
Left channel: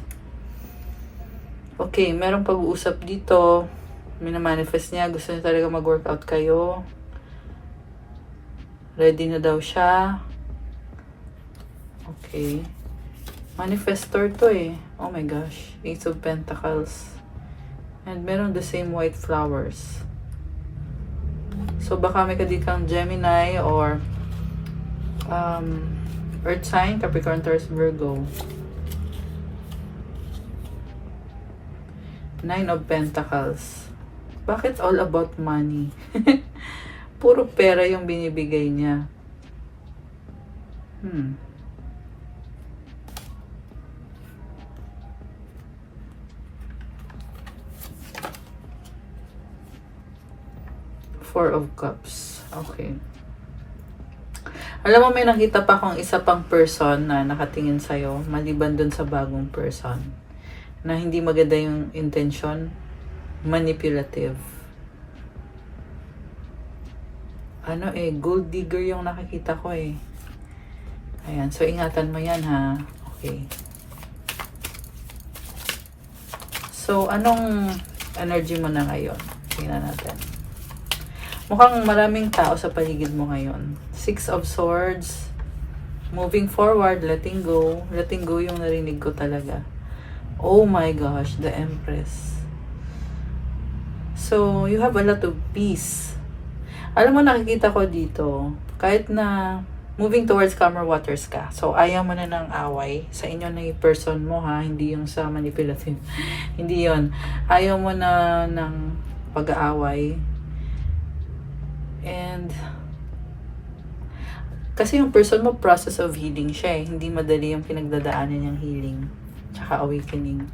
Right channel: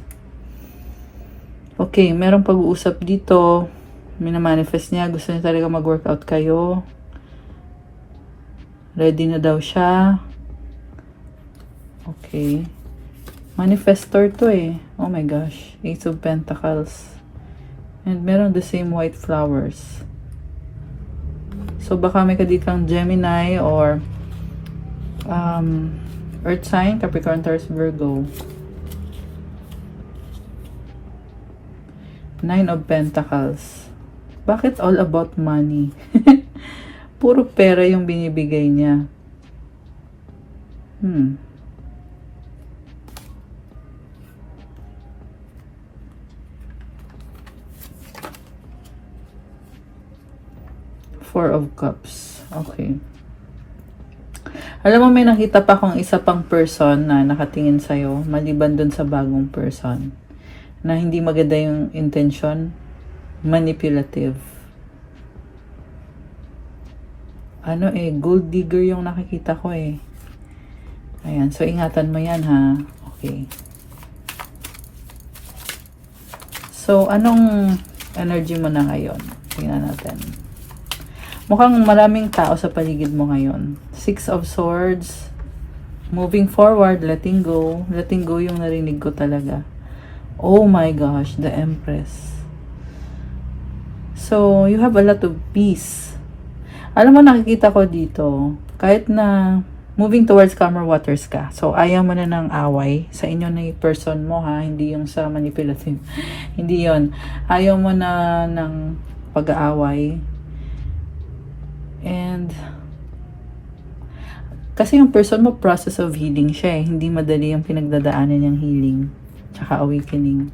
Okay, merong pag-uusap dito. Minamanifest niya. Gusto niya talaga mag-workout kayo. Ready na daw siya. Okay. Manifestor to eh. Oh my gosh. Ace of Pentacles. And meron the same white flowers. So baka may kadikang Gemini or Earth sign, Capricorn, Taurus, Virgo. Nine of Pentacles. Bakit all about money? Puro pera yung binibigay niya. Four of Cups. Okay. Alam mo, may nakita pa akong isa pang person na nakatingin sa'yo, maliban dun sa bagong person, na hindi maganda yung intention. Manipulative. Ano eh, gold digger yung nakikita ko eh. Ayan, so ingatan mo yan ha. Okay. So, anong energy mo na ngayon. Tingnan natin. Mukhang maraming tao sa paligid mo ngayon. Six of Swords. Moving forward, letting go. Letting go yung narinig ko talaga. Oh my gosh, the Empress. So, you have a lot of peace. Alam mo, nakikita ko dito, kahit na moving towards calmer waters ka. So, ayaw mo na ng away sa inyo na yung person mo, ha? Hindi yung sa manipulative. Hindi yon. Ayaw mo na ng pag-aaway. And, kasi yung person mo, process of healing siya eh. Hindi madali yung pinagdadaanan niyang healing. Tsaka awakening.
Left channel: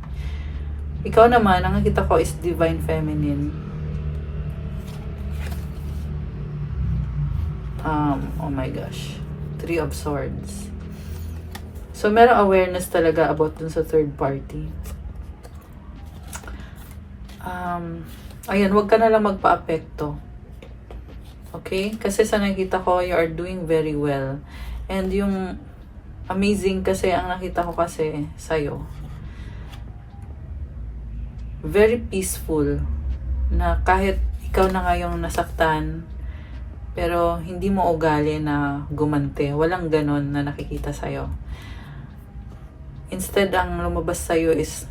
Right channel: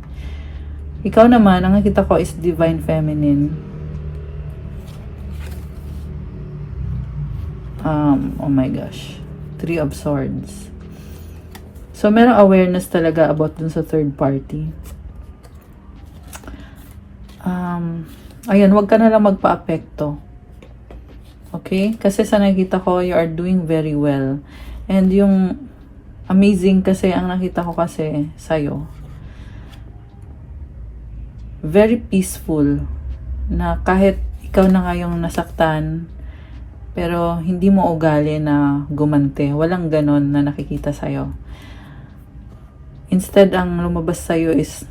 Ikaw naman, ang nakita ko is Divine Feminine. Oh my gosh. Three of Swords. So, merong awareness talaga about dun sa third party. Ayan, wag ka na lang magpa-apekto. Okay? Kasi sa nakita ko, you are doing very well. And yung amazing kasi, ang nakita ko kasi sa'yo, very peaceful, na kahit ikaw na ngayong nasaktan, pero hindi mo ugali na gumante. Walang ganon na nakikita sa'yo. Instead, ang lumabas sa'yo is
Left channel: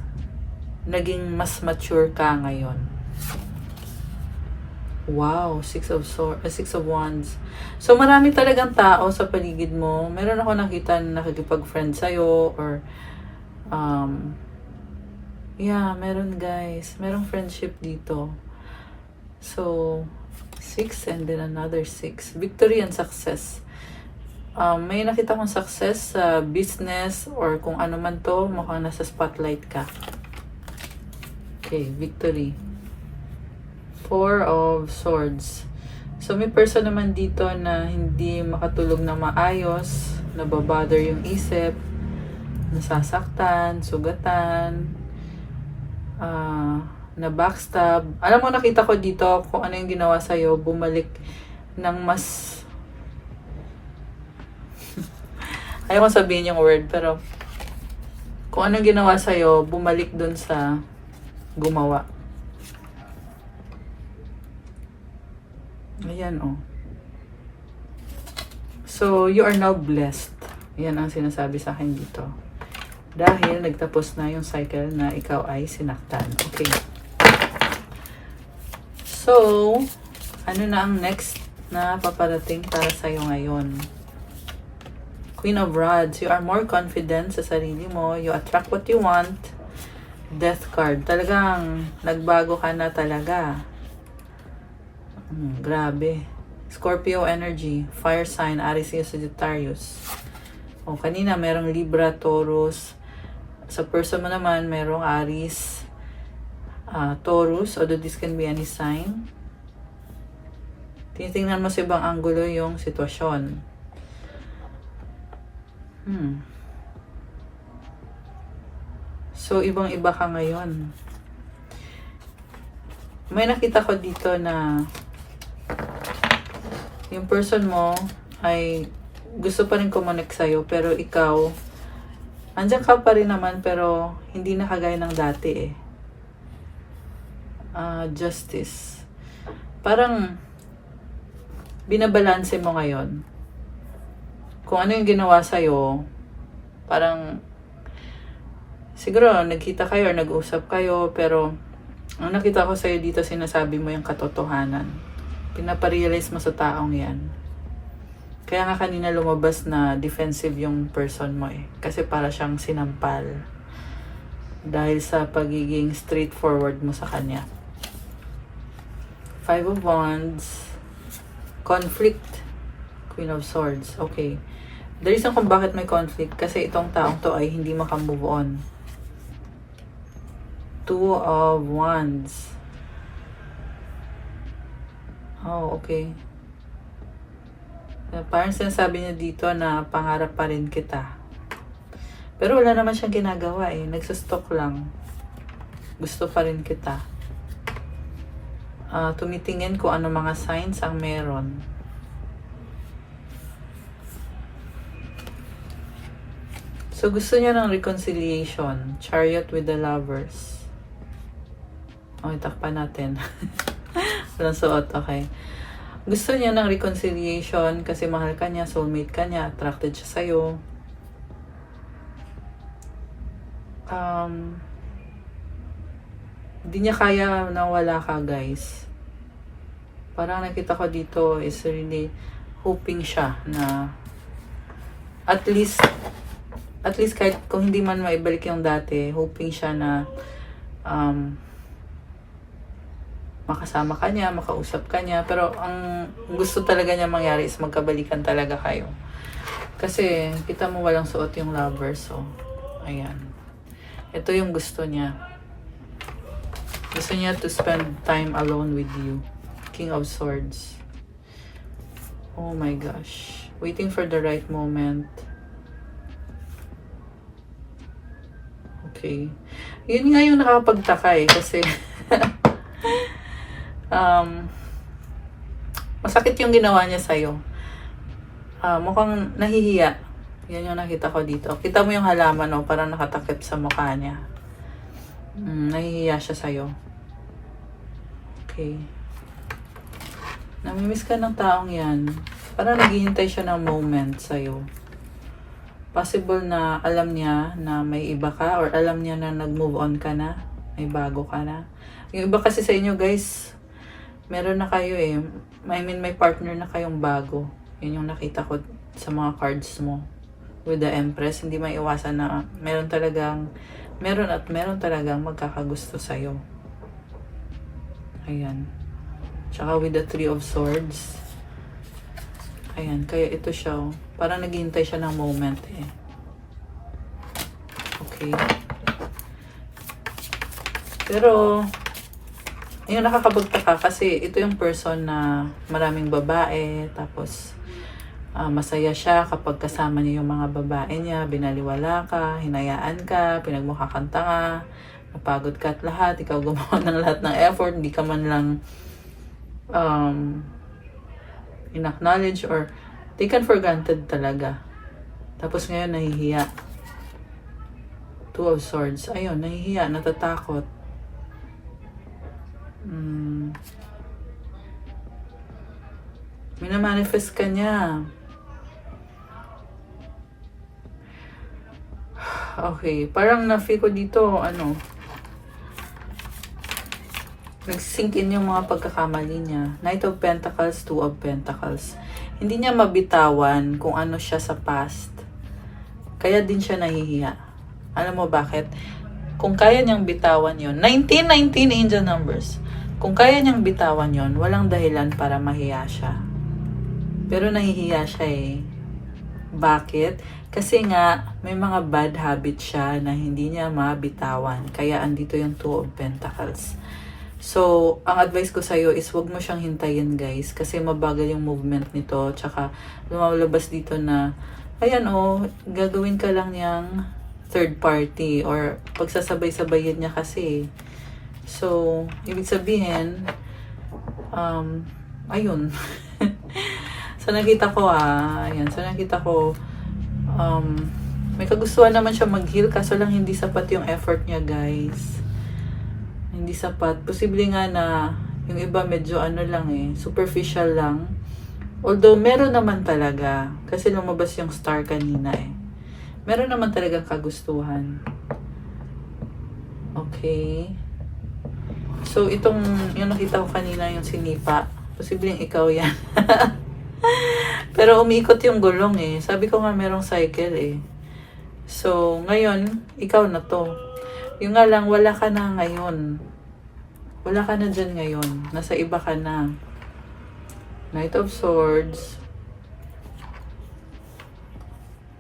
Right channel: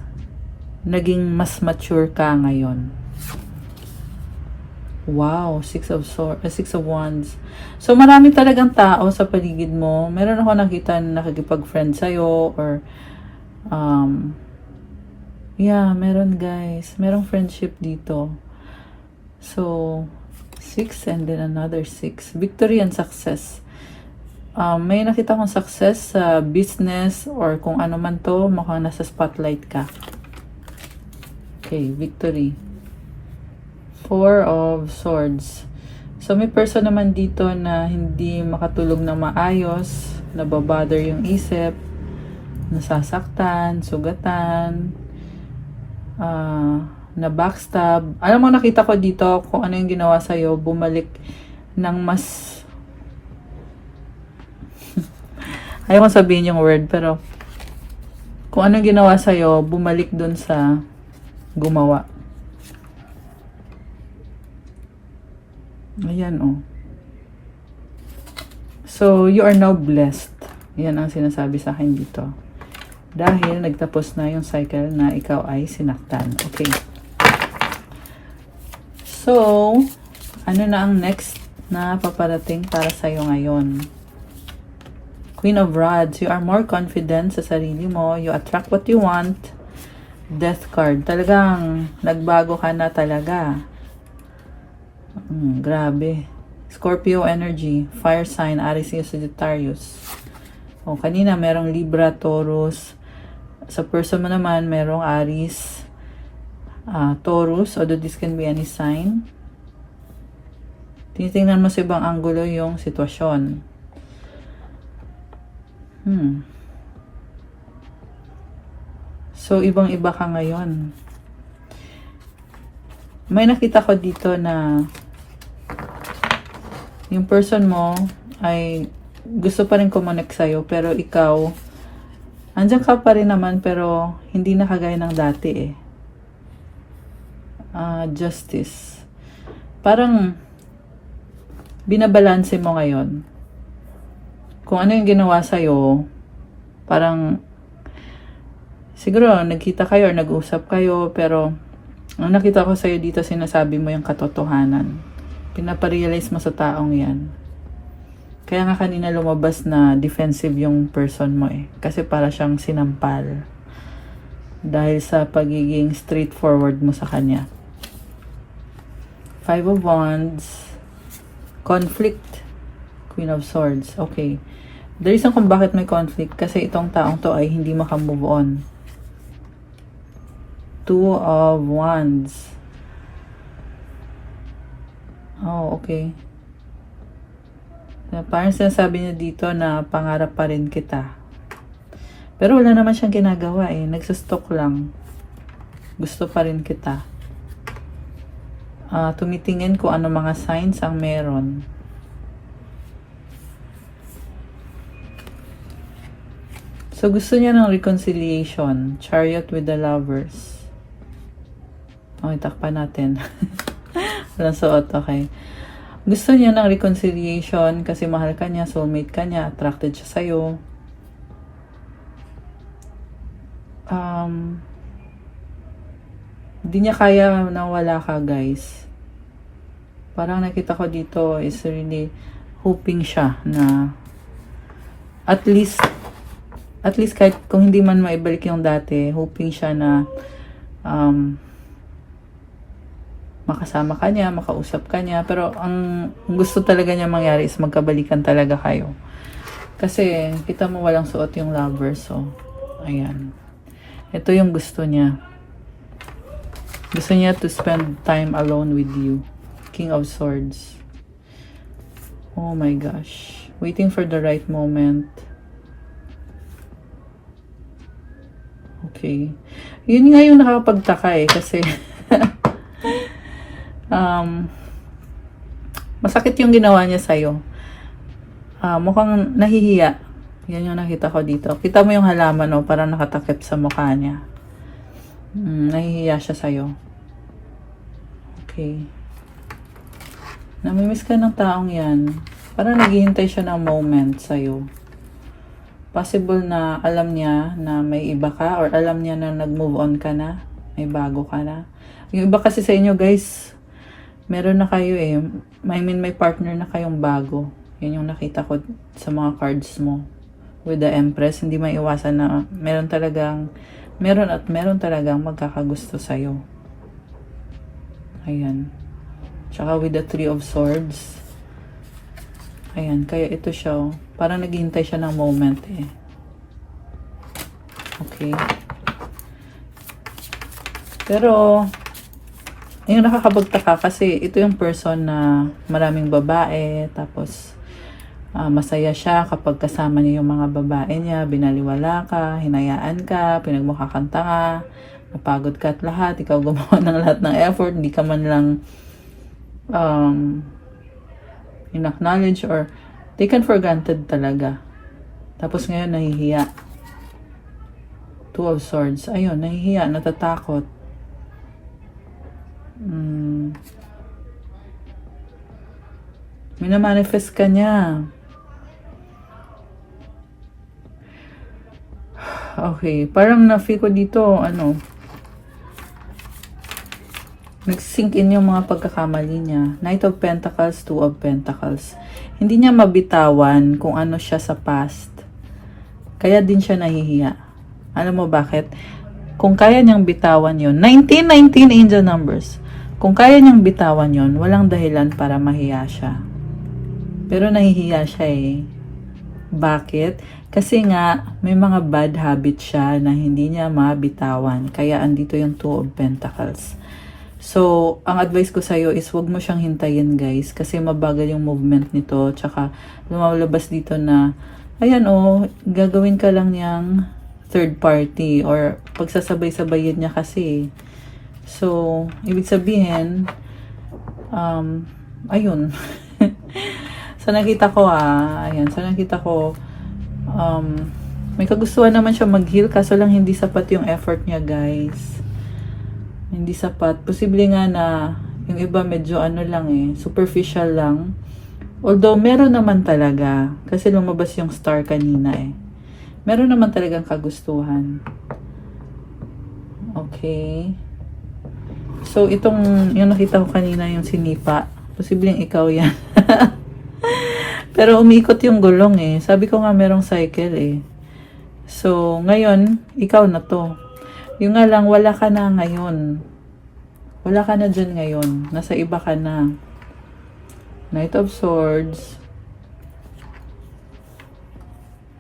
naging mas mature ka ngayon. Wow, Six of Wands. So, marami talagang tao sa paligid mo. Meron ako nakita na nakikipag-friend sa'yo or yeah, meron guys. Merong friendship dito. So, 6 and then another 6. Victory and success. May nakita kong success sa business or kung ano man to, mukhang nasa spotlight ka. Okay, victory. 4 of Swords. So, may person naman dito na hindi makatulog na maayos, nababother yung isip, nasasaktan, sugatan, na backstab. Alam mo, nakita ko dito kung ano yung ginawa sa'yo, bumalik ng mas ayaw kong sabihin yung word, pero kung ano yung ginawa sa'yo, bumalik dun sa gumawa. Ayan, oh. So, you are now blessed. Yan ang sinasabi sa akin dito. Dahil nagtapos na yung cycle na ikaw ay sinaktan. Okay. So, ano na ang next na paparating para sa'yo ngayon? Queen of Rods. You are more confident sa sarili mo. You attract what you want. Death card. Talagang nagbago ka na talaga. Grabe. Scorpio energy. Fire sign. Aries, Sagittarius. O, kanina merong Libra, Taurus. Sa person mo naman, merong Aries, Taurus, although this can be any sign. Tinitingnan mo sa ibang anggulo yung sitwasyon. So, ibang-iba ka ngayon. May nakita ko dito na yung person mo ay gusto pa rin kumonek sa'yo, pero ikaw, andyan ka pa rin naman, pero hindi na kagaya ng dati eh. Justice. Parang, binabalanse mo ngayon. Kung ano yung ginawa sa'yo, parang, siguro, nagkita kayo or nag-usap kayo, pero, ang nakita ko sa'yo dito, sinasabi mo yung katotohanan. Pinaparealize mo sa taong yan. Kaya nga kanina lumabas na defensive yung person mo eh. Kasi para siyang sinampal. Dahil sa pagiging straightforward mo sa kanya. 5 of Wands. Conflict. Queen of Swords. Okay. The reason kung bakit may conflict, kasi itong taong to ay hindi makamove on. 2 of Wands. Oh, okay. Parang sinasabi niya dito na pangarap pa rin kita. Pero wala naman siyang ginagawa eh. Nagsustok lang. Gusto pa rin kita. Tumitingin kung ano mga signs ang meron. So gusto niya ng reconciliation. Chariot with the Lovers. Okay, takpan natin. Walang suot, okay. Gusto niya ng reconciliation kasi mahal ka niya, soulmate ka niya, attracted siya sa'yo. Hindi niya kaya na wala ka, guys. Parang nakita ko dito is really hoping siya na at least kahit kung hindi man maibalik yung dati, hoping siya na makasama ka niya, makausap ka niya. Pero ang gusto talaga niya mangyari is magkabalikan talaga kayo. Kasi kita mo walang suot yung lover. So, ayan. Ito yung gusto niya. Gusto niya to spend time alone with you. King of Swords. Oh my gosh. Waiting for the right moment. Okay. Yun nga yung nakakapagtaka eh. Kasi masakit yung ginawa niya sa'yo. Mukhang nahihiya. Yan yung nakita ko dito. Kita mo yung halaman, no? Parang nakatakip sa mukha niya. Nahihiya siya sa'yo. Okay. Namimiss ka ng taong yan. Parang naghihintay siya ng moment sa'yo. Possible na alam niya na may iba ka or alam niya na nag-move on ka na. May bago ka na. Yung iba kasi sa inyo, guys, meron na kayo eh. I mean, may partner na kayong bago. Yan yung nakita ko sa mga cards mo. With the Empress, hindi maiwasan na meron talagang magkakagusto sa'yo. Ayan. Tsaka with the Three of Swords. Ayan, kaya ito siya. Oh. Parang naghihintay siya ng moment eh. Okay. Pero, yung nakakapagtaka kasi ito yung person na maraming babae, tapos masaya siya kapag kasama niya yung mga babae niya, binaliwala ka, hinayaan ka, pinagmukha kang tanga, napagod ka at lahat, ikaw gumawa ng lahat ng effort, hindi ka man lang in-acknowledge or taken for granted talaga. Tapos ngayon nahihiya. Two of Swords. Ayun, nahihiya, natatakot. Minamanifest ka niya. Okay, parang na-feel ko dito, nagsink in yung mga pagkakamali niya. Knight of Pentacles, Two of Pentacles. Hindi niya mabitawan kung ano siya sa past. Kaya din siya nahihiya. Alam mo bakit? Kung kaya niyang bitawan yon, 1919 angel numbers. Kung kaya niyang bitawan yon, walang dahilan para mahiya siya. Pero nahihiya siya eh. Bakit? Kasi nga, may mga bad habits siya na hindi niya mabitawan. Kaya andito yung Two of Pentacles. So, ang advice ko sa'yo is huwag mo siyang hintayin, guys. Kasi mabagal yung movement nito. Tsaka, lumalabas dito na, ayan gagawin ka lang niyang third party. Or, pagsasabay-sabayin niya kasi. So, ibig sabihin, ayun. Sa nakita ko, may kagustuhan naman siya mag-heal, kaso lang hindi sapat yung effort niya, guys. Hindi sapat. Posible nga na yung iba medyo superficial lang. Although, meron naman talaga. Kasi lumabas yung star kanina eh. Meron naman talagang kagustuhan. Okay. So, yung nakita ko kanina, yung sinipa. Posibleng ikaw yan. Pero umikot yung gulong eh. Sabi ko nga merong cycle eh. So, ngayon, ikaw na to. Yung nga lang, wala ka na ngayon. Wala ka na dyan ngayon. Nasa iba ka na. Knight of Swords.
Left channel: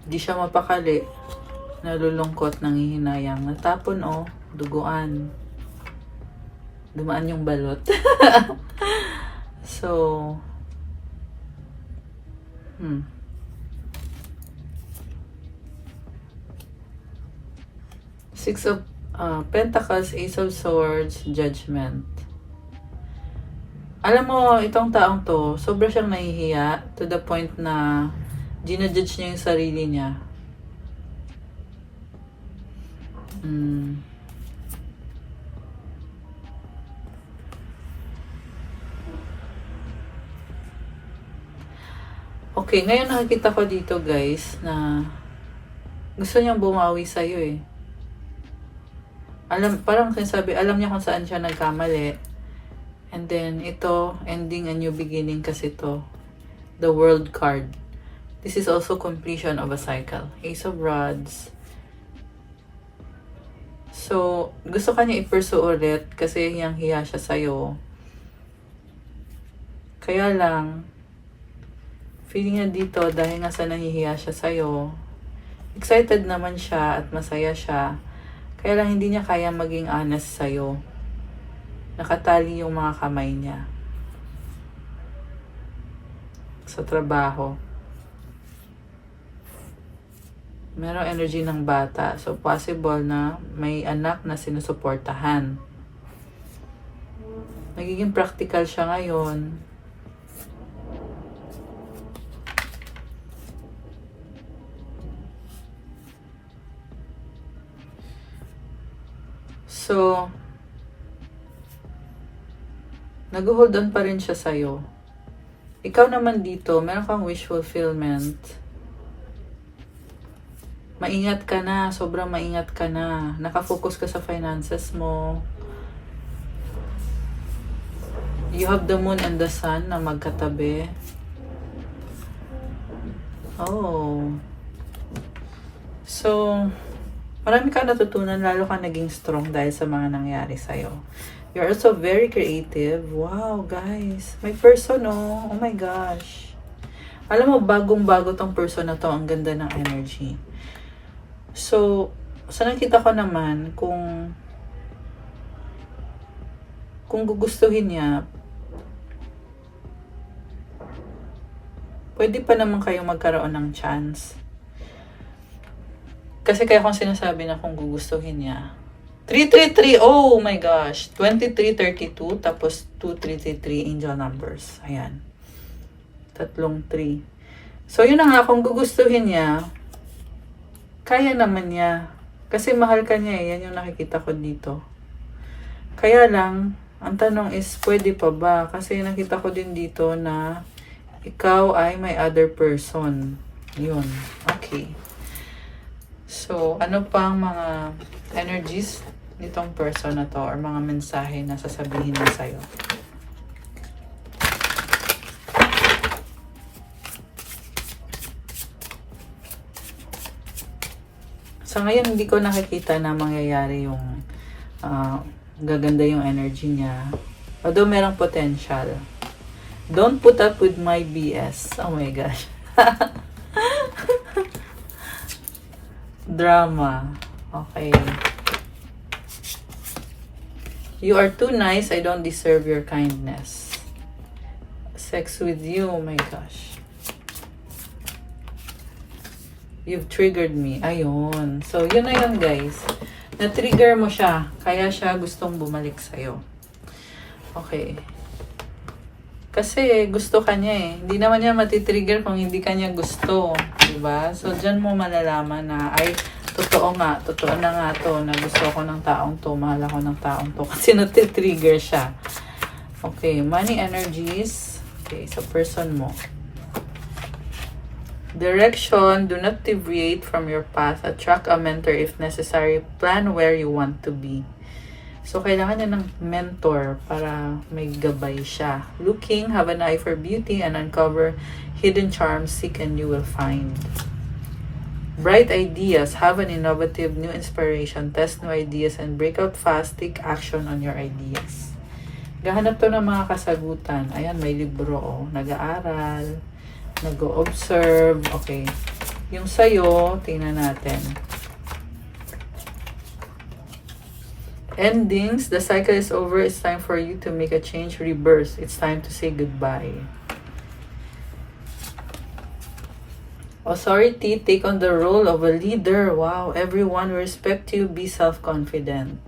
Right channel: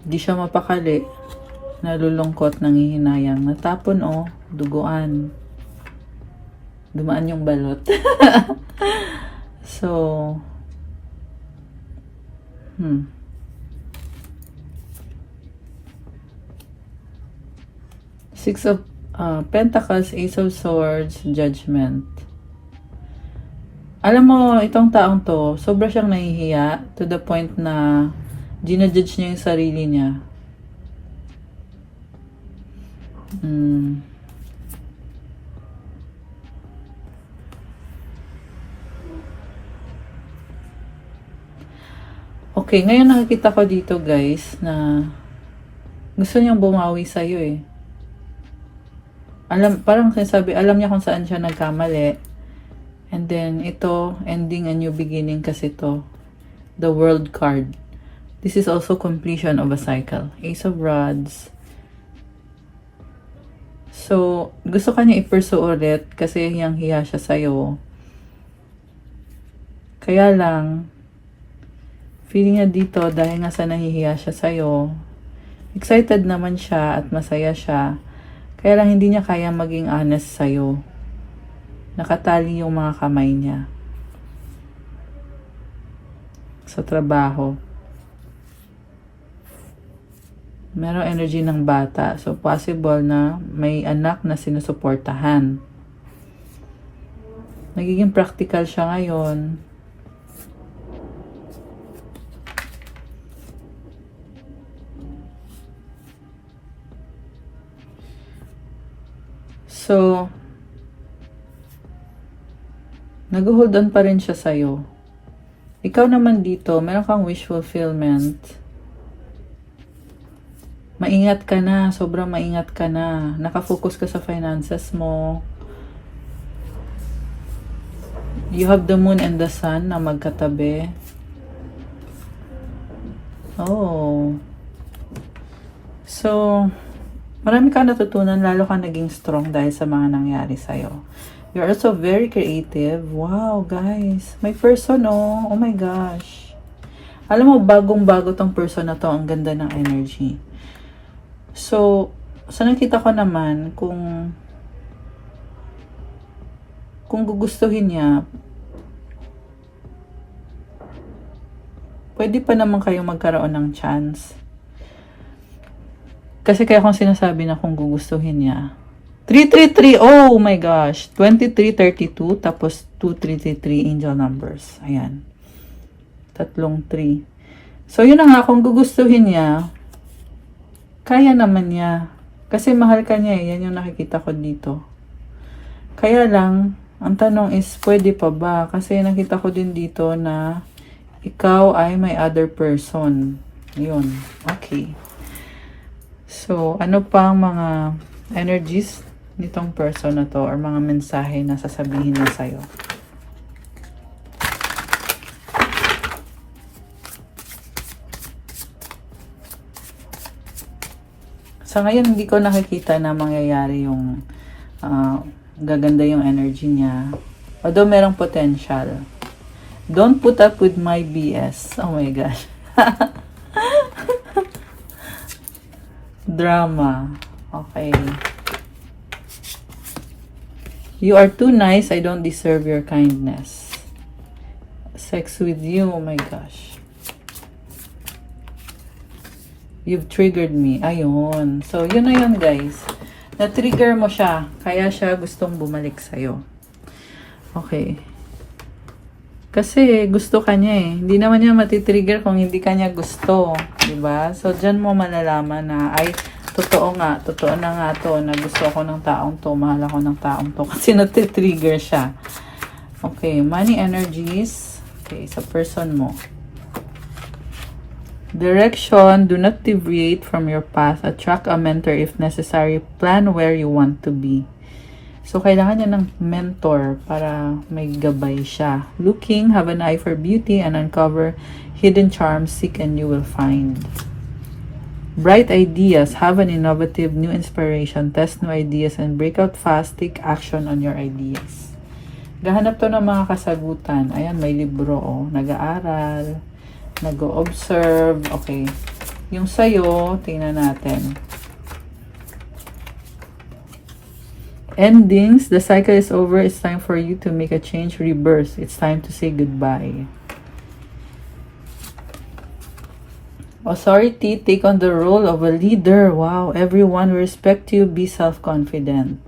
Di siya mapakali. Nalulungkot, nangihinayang. Natapon duguan. Dumaan yung balot. So, Six of Pentacles, Ace of Swords, Judgment. Alam mo, itong taong to, sobra siyang nahihiya to the point na ginajudge niya yung sarili niya. Okay, ngayon nakikita ko dito guys na gusto niyang bumawi sa'yo eh. Parang sinasabi, alam niya kung saan siya nagkamali. And then, ito, ending a new beginning kasi to. The World card. This is also completion of a cycle. Ace of Rods. So, gusto kanya i-pursue ulit kasi hiyang-hiya siya sa'yo. Kaya lang, feeling niya dito dahil nga sa nahihiya siya sa'yo, excited naman siya at masaya siya. Kaya lang hindi niya kaya maging honest sa'yo. Nakatali yung mga kamay niya. Sa trabaho. Merong energy ng bata. So, possible na may anak na sinusuportahan. Nagiging practical siya ngayon. So, nag-hold on pa rin siya sa'yo. Ikaw naman dito, meron kang wish fulfillment. Maingat ka na, sobrang maingat ka na. Nakafocus ka sa finances mo. You have the moon and the sun na magkatabi. Oh. So, marami ka natutunan, lalo ka naging strong dahil sa mga nangyari sa'yo. You're also very creative. Wow, guys. May person, oh. Oh my gosh. Alam mo, bagong-bago tong person na to. Ang ganda ng energy. So, sa nakita ko naman, kung gugustuhin niya, pwede pa naman kayong magkaroon ng chance. Kasi kaya kung sinasabi na kung gugustuhin niya. 333, oh my gosh. 2332, tapos 2333 angel numbers. Ayan. Tatlong 3. So, yun na nga, kung gugustuhin niya, kaya naman niya. Kasi mahal ka niya eh. Yan yung nakikita ko dito. Kaya lang, ang tanong is, pwede pa ba? Kasi nakita ko din dito na ikaw ay may other person. Yun. Okay. So, ano pa ang mga energies nitong person na to or mga mensahe na sasabihin niya sa'yo? Sa ngayon, hindi ko nakikita na mangyayari yung gaganda yung energy niya. Although merong potential. Don't put up with my BS. Oh my gosh. Drama. Okay. You are too nice. I don't deserve your kindness. Sex with you. Oh my gosh. You've triggered me. Ayun. So, yun na yun, guys. Na-trigger mo siya. Kaya siya gustong bumalik sa'yo. Okay. Kasi gusto ka niya eh. Hindi naman niya matitrigger kung hindi ka niya gusto. Diba? So, dyan mo malalaman na, ay, totoo nga. Totoo na nga to. Na gusto ko ng taong to. Mahal ako ng taong to. Kasi natitrigger siya. Okay. Money energies. Okay. So, person mo. Direction, do not deviate from your path. Attract a mentor if necessary. Plan where you want to be. So, kailangan niya ng mentor para may gabay siya. Looking, have an eye for beauty and uncover hidden charms. Seek and you will find. Bright ideas, have an innovative new inspiration. Test new ideas and break out fast. Take action on your ideas. Gahanap to ng mga kasagutan. Ayan, may libro, oh. Nag-aaral. Nag-o-observe. Okay. Yung sa'yo, tingnan natin. Endings. The cycle is over. It's time for you to make a change. Rebirth. It's time to say goodbye. Authority. Take on the role of a leader. Wow. Everyone respect you. Be self-confident.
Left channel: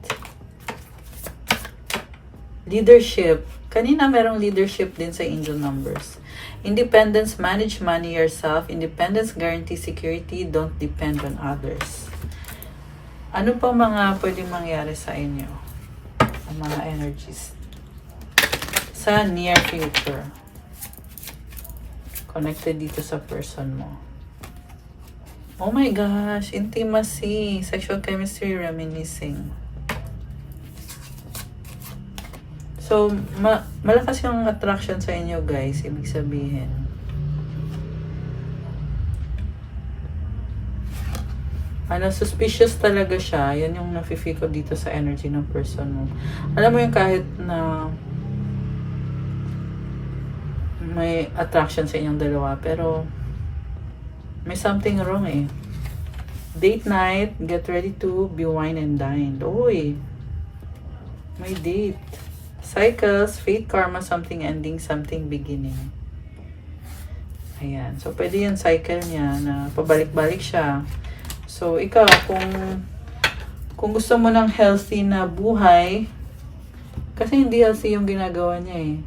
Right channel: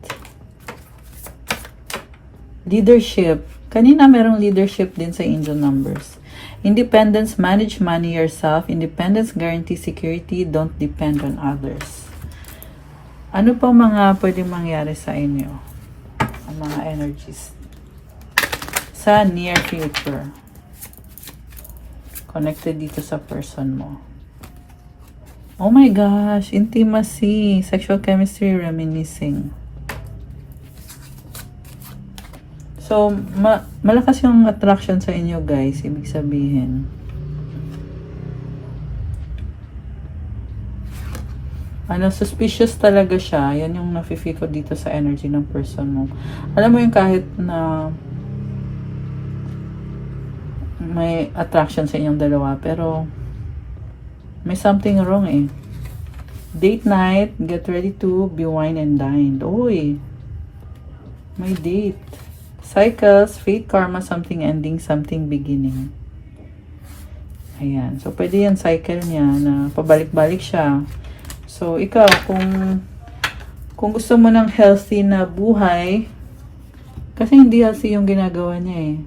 Leadership. Kanina merong leadership din sa angel numbers. Independence, manage money yourself. Independence, guarantee security. Don't depend on others. Ano pa mga pwedeng mangyari sa inyo? Ang mga energies. Sa near future. Connected dito sa person mo. Oh my gosh, intimacy, sexual chemistry, reminiscing. So, malakas yung attraction sa inyo, guys. Ibig sabihin. Suspicious talaga siya. Yan yung nafe-feel ko dito sa energy ng person mo. Alam mo yung kahit na may attraction sa inyong dalawa, pero may something wrong eh. Date night, get ready to be wine and dined. Uy, may date. Cycles, fate, karma, something ending, something beginning. Ayan. So, pwede yan cycle niya na pabalik-balik siya. So, ikaw, kung gusto mo ng healthy na buhay, kasi hindi healthy yung ginagawa niya eh.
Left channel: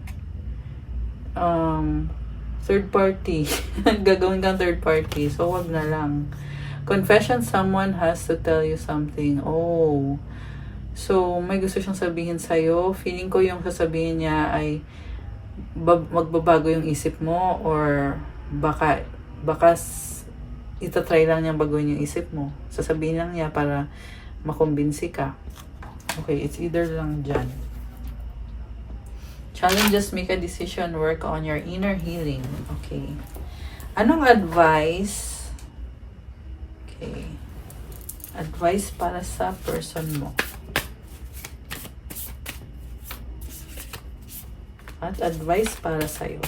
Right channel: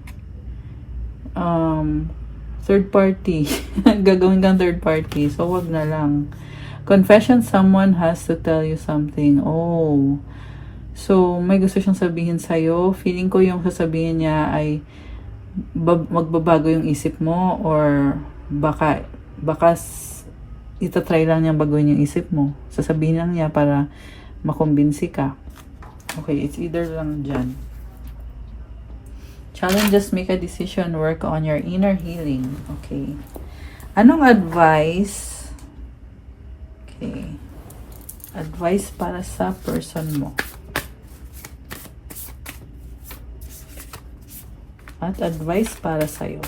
Third party. Gagawin kang third party. So, wag na lang. Confession, someone has to tell you something. Oh. So, may gusto siyang sabihin sa'yo. Feeling ko yung sasabihin niya ay magbabago yung isip mo or baka itatry lang niya baguhin yung isip mo. Sasabihin lang niya para makumbinsi ka. Okay, it's either lang dyan. Challenges, make a decision, work on your inner healing. Okay. Anong advice? Okay. Advice para sa person mo. At advice para sa'yo.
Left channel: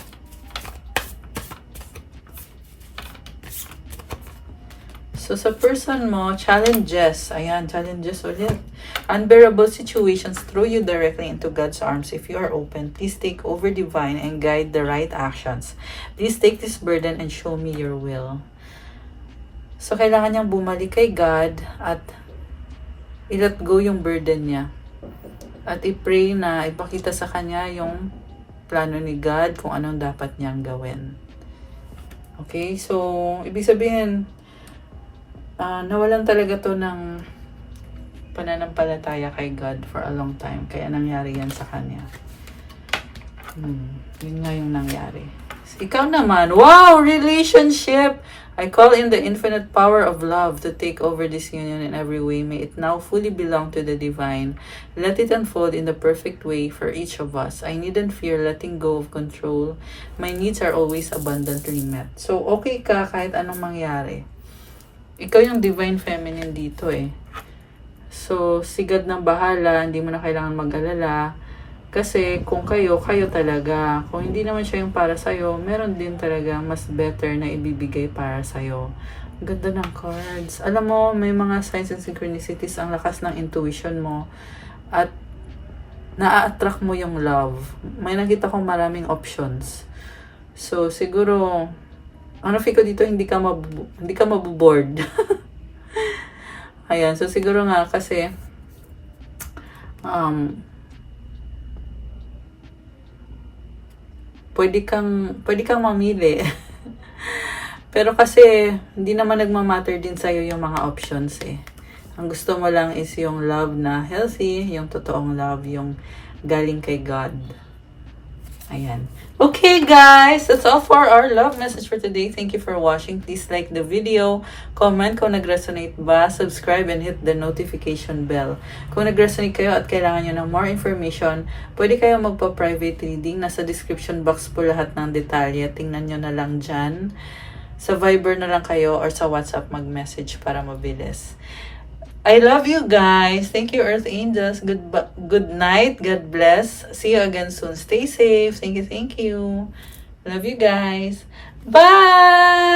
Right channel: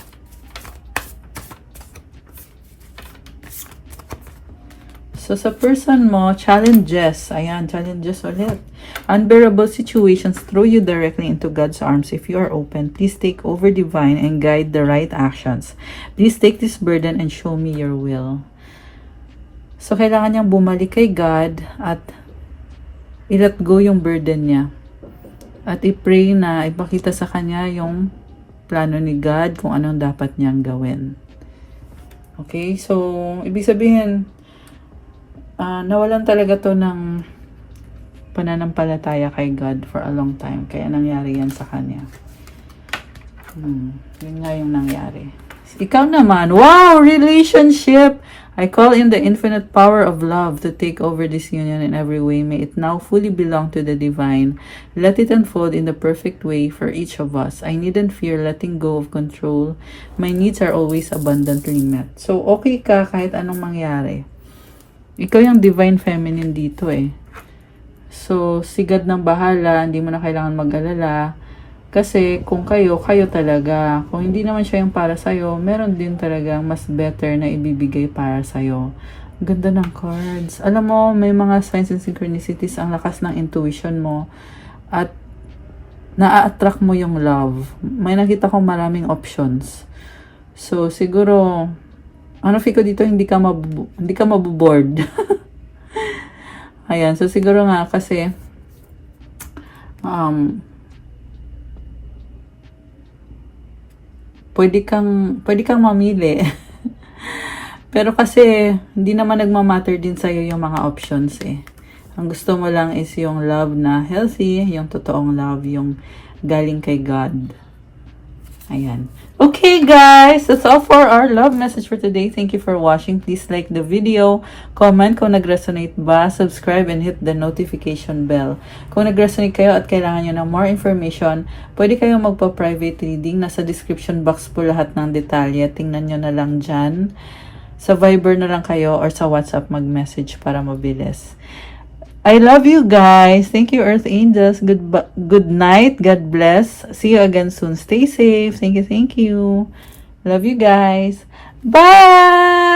So, sa person mo, challenges. Ayan, challenges ulit. Unbearable situations throw you directly into God's arms. If you are open, please take over divine and guide the right actions. Please take this burden and show me your will. So, kailangan niyang bumalik kay God at i-let go yung burden niya. At i-pray na ipakita sa kanya yung plano ni God kung anong dapat niyang gawin. Okay? So, ibig sabihin, nawalan talaga to ng pananampalataya kay God for a long time. Kaya nangyari yan sa kanya. Yun nga yung nangyari. Ikaw naman, wow! Relationship! I call in the infinite power of love to take over this union in every way. May it now fully belong to the divine. Let it unfold in the perfect way for each of us. I needn't fear letting go of control. My needs are always abundantly met. So, okay ka kahit anong mangyari. Ikaw yung divine feminine dito eh. So, sigad ng bahala, hindi mo na kailangan mag-alala. Kasi kung kayo talaga. Kung hindi naman siya yung para sa'yo, meron din talaga mas better na ibibigay para sa'yo. Ganda ng cards. Alam mo, may mga signs and synchronicities, ang lakas ng intuition mo. At na-attract mo yung love. May nakita kong maraming options. So, siguro, feel ko dito, hindi ka maboboard. Ayan, so siguro nga kasi pwede kang mamili. Pero kasi hindi naman nagmamatter din sa'yo yung mga options eh. Ang gusto mo lang is yung love na healthy, yung totoong love, yung galing kay God. Ayan. Okay guys, that's all for our love message for today. Thank you for watching. Please like the video, comment kung nag-resonate ba, subscribe and hit the notification bell. Kung nag-resonate kayo at kailangan nyo ng more information, pwede kayo magpa-private reading. Nasa description box po lahat ng detalye. Tingnan nyo na lang dyan. Sa Viber na lang kayo or sa WhatsApp mag-message para mabilis. I love you guys. Thank you, Earth Angels. Good night. God bless. See you again soon. Stay safe. Thank you. Love you guys. Bye!